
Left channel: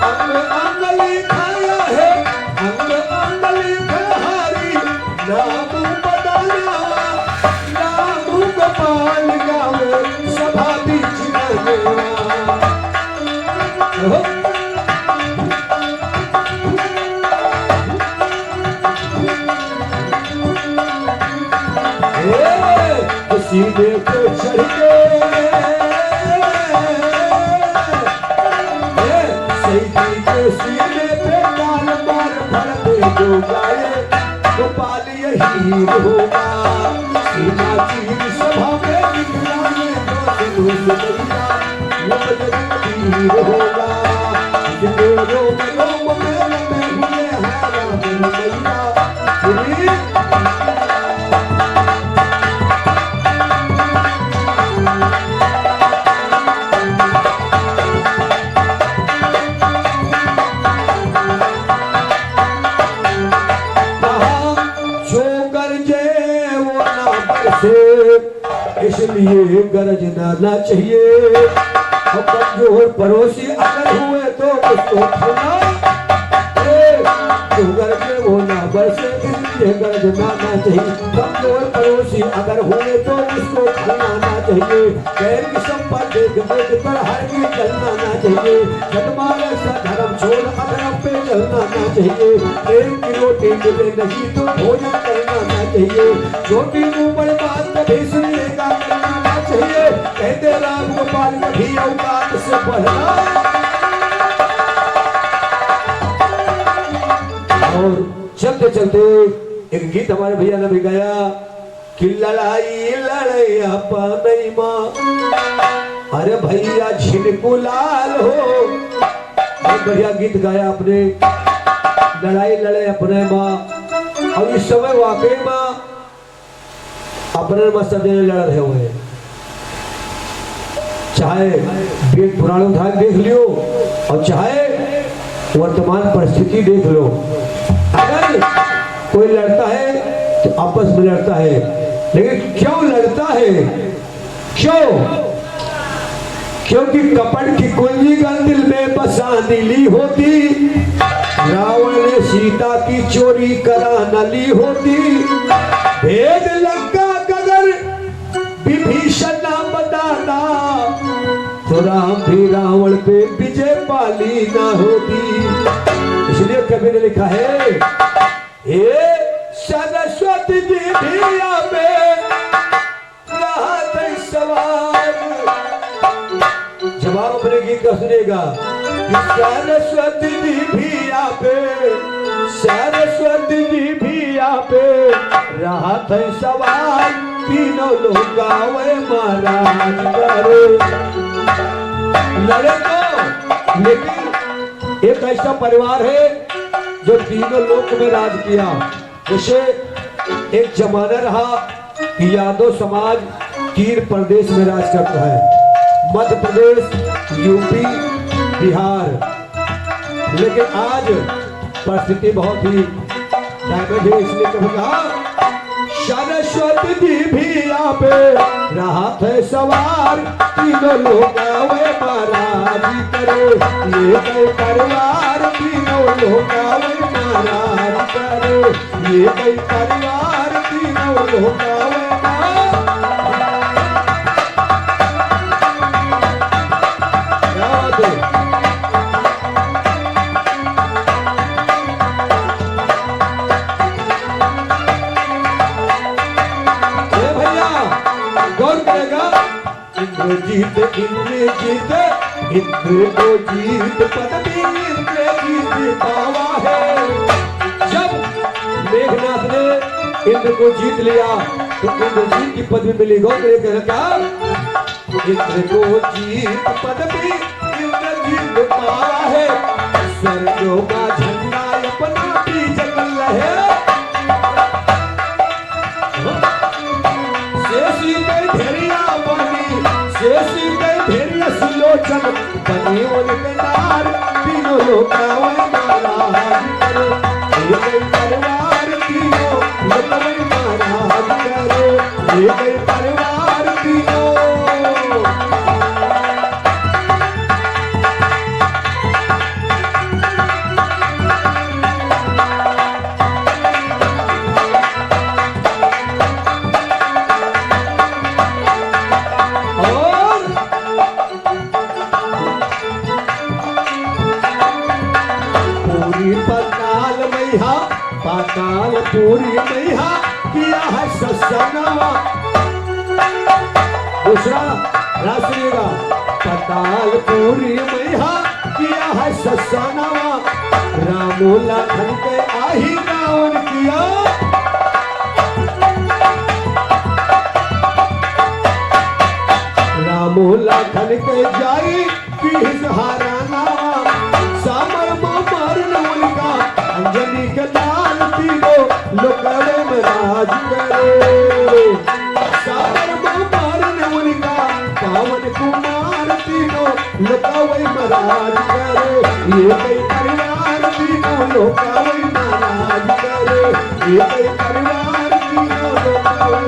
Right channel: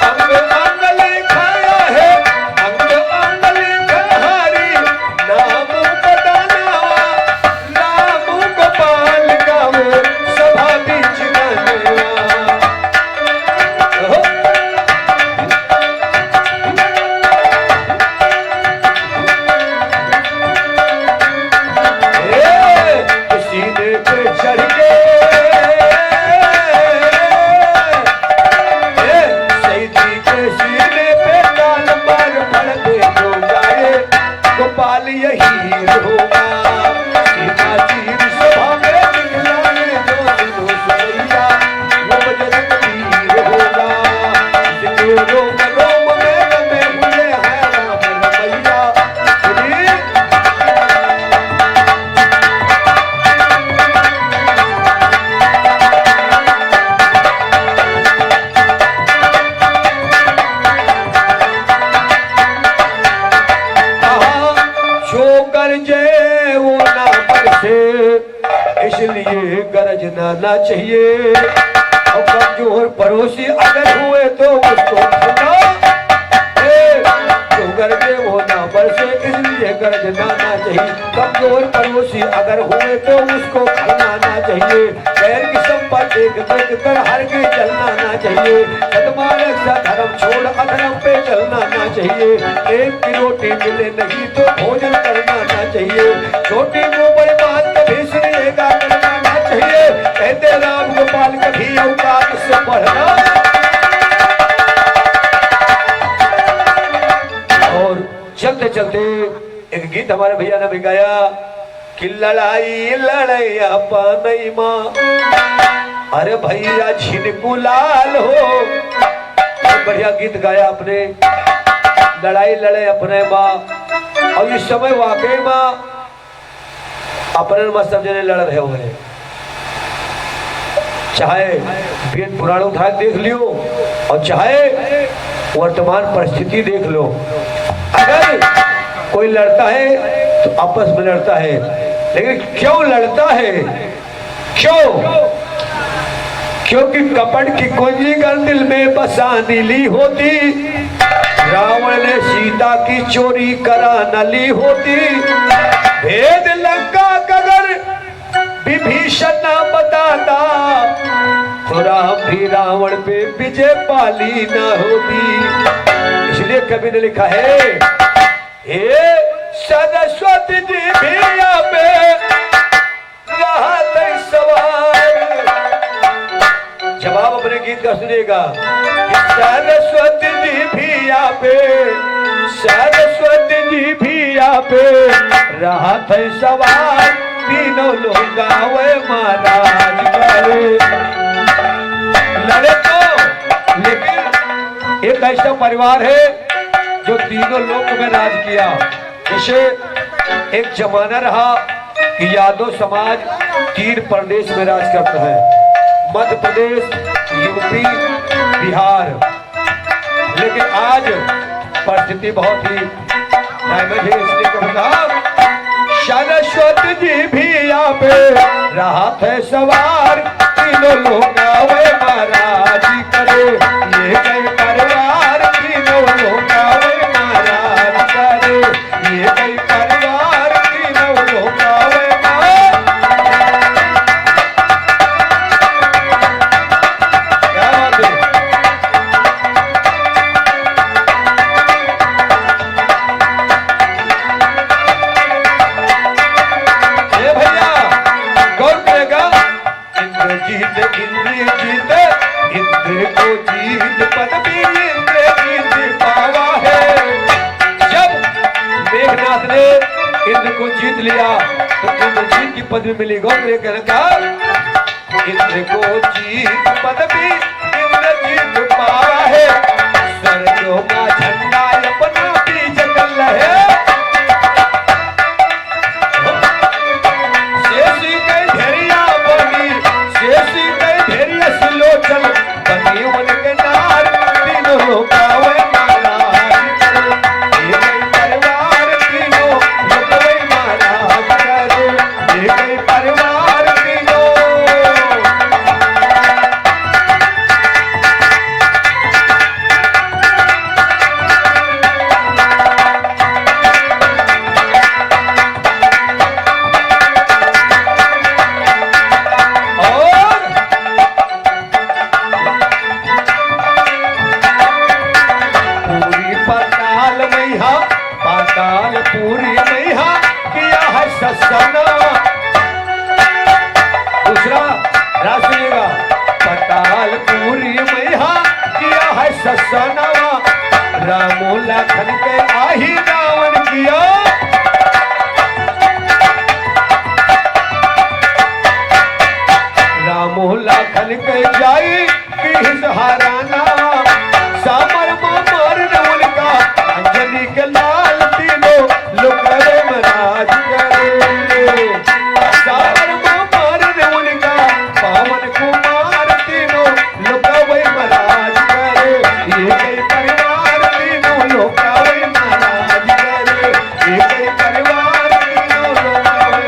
अंग अंग लिखाया है, अंग अंग लिखा हरि नाम बदलवा, नाम गोपाल गावे सभा बीच गनवा। सीधे पे चढ़ के सैदी के सीने पे डाल मार भर दे जो गाए गोपाल यही होगा, सीमा चीर सभा में दिखलाए जो सुनो सुनैया वो बजरंग वीर होगा, जिसके रोम रोम में रमे हुए हैं राम जलाना चाहिए। और कमजोर पड़ोसी अगर हुए तो उसको खिलाओ, जो घर में वो ना बरसे इसलिए घर जलाना चाहिए। कमजोर पड़ोसी अगर हुए तो उसको खिलाना चाहिए। गैर की संपत्ति देख कर हर के जलना ना चाहिए। सतमार्ग सा धर्म छोड़ अधर्म पे चलना ना चाहिए। प्रेम की रोटी मिले नहीं तो भोजन करना ना चाहिए। रोटी मुंह पर बात कभी सुनिएगा करना ना चाहिए। कहते राम गोपाल कभी औकात से बढ़ना। और चलते चलते एक गीत हमारे भैया ने भी गाया कि लड़ाई लड़ैया पानई माँ, अरे भैया झिनको लाल हो। बहुत बढ़िया गीत गाया आपने, लड़ाई लड़े अपने माँ। और इस समय वाकई माँ अपने माँ सब जने लड़ रहे हुए, चाहे वेद पुराण उदाहरण देख लियो और चाहे वर्तमान परिस्थिति देख लो। अगर कोई लड़ता है तो आपस में लड़ता है, लेकिन क्यों लड़ता है? क्यों? क्योंकि कपट की कुंजी का दिल में बसानी ली होती। रावण ने सीता की चोरी करा न ली होती। भेद लंका गगर विभीषण न बताता तो राम भी रावण पे विजय पाली न होती। इसलिए कवि ने लिखा है, हे सरस्वती जी भी यहाँ पे रहा था सवाल। जवाब अपने गीत का सुनेगा कि सरस्वती जी भी यहाँ पे, सरस्वती जी भी यहाँ पे रहा था सवाल। तीनों लोग गावे महाराज करे लड़े तो, लेकिन एक ऐसा परिवार है जो तीनों लोक में राज किया। जैसे एक जमाना रहा कि यादव समाज 3 प्रदेश में राज करता है, मध्य प्रदेश, यूपी, बिहार। लेकिन आज परिस्थिति बहुत ही इसलिए कहूँगा सरस्वती जी भी यहाँ पे रहा थे सवार। तीनों लोग आवे महाराज करे ले गए परिवार। तीनों लोग आवे महाराज करे ले गए परिवार। तीनों लोग आवे इंद्र को जीत पदवी इंद्र जीत पावा है। जब मेघनाथ ने इंद्र को जीत लिया तो इंद्र जीत की पदवी मिली। गौ ने कहा इंद्र को जीत पदवी इंद्र जीत पावा है। स्वर्गों का झंडा अपना बीच कल है। शेषी कई धेरिया बनी, शेषी कई धेरिया सुलोचन बनी उनके नार। तीनों लोग आवे महाराज करे ये गई परिवार। तीनों लोग आवे महाराज करे ये गई परिवार। तीनों पूरी मैया किया है ससना। दूसरा राज सुनिएगा, पताल पूरी मैया किया है ससना। रामो लखन के आही रावण किया। रामो लखन के जाई की हराना। सामर मारने उनका अंजलि के लाल। तीनों लोकरों में राज करे। सामर मारने उनका पावन कुमार। तीनों लोकवै में राज करे ये कई परिवार। तीनों लोकवै में राज करे ये कई परिवार। तीनों लोकवै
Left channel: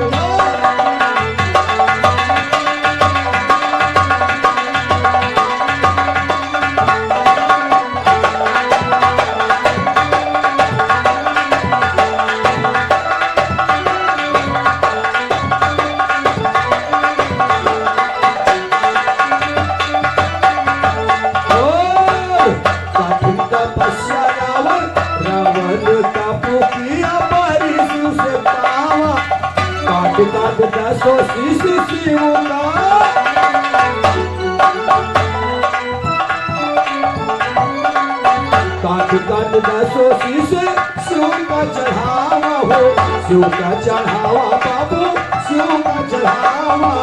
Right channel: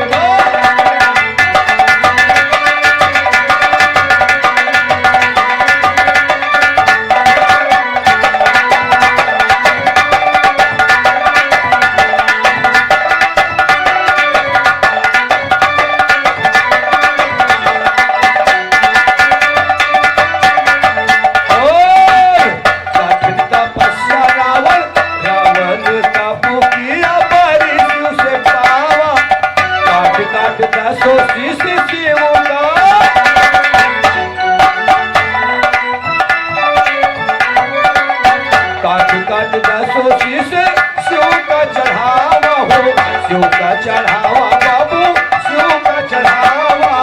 शिव का चढ़ावा बाबू शिव का चढ़ावा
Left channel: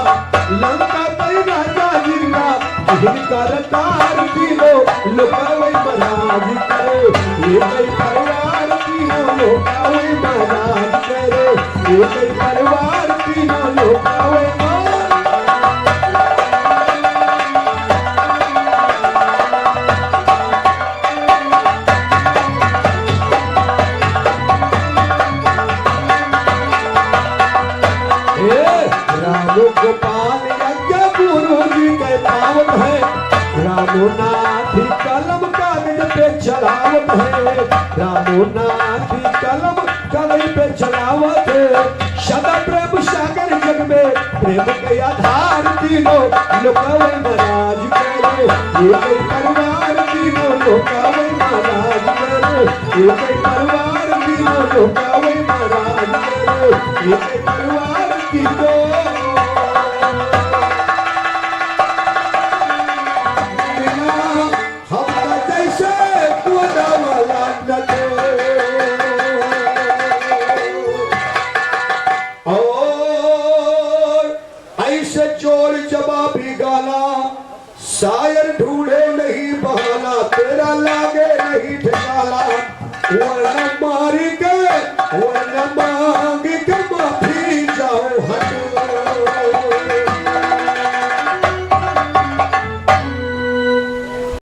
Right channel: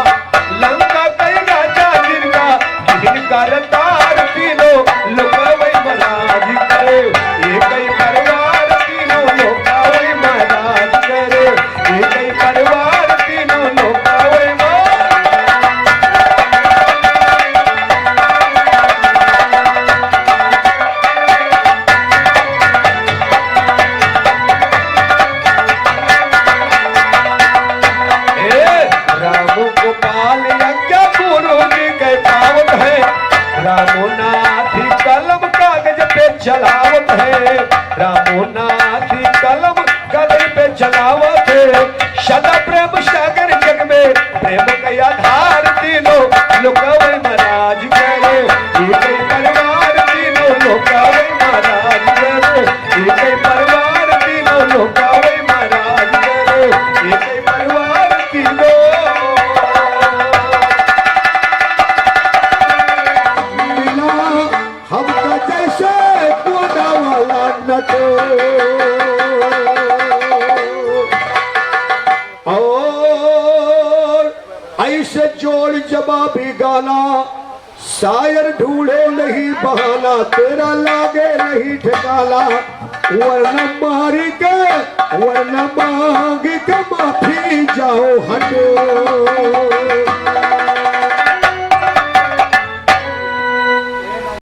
लंका कई राजा जिनका जिनका रतार तीनों लोग वही महाराज करे ये कई परिवार तीनों लोग वही महाराज करे ये कई परिवार तीनों लोग वही गोपाल यज्ञ गुरु जी के पावत है रामोनाथी कलम कागज पे चढ़ावत है रामोनाथी कलम कागज पे चढ़ावत है सदा प्रेम सागर जग में प्रेम के आधार तीनों लोग महाराज करे ये कई परिवार तीनों लोग महाराज करे ये कई परिवार तीनों लोग महाराज करे ये कई परिवार तीनों जवाबी गाना शायर ढूंढे नहीं बहाना तेरा लागे नहीं ठिकाना वरना मारी के वरना मांग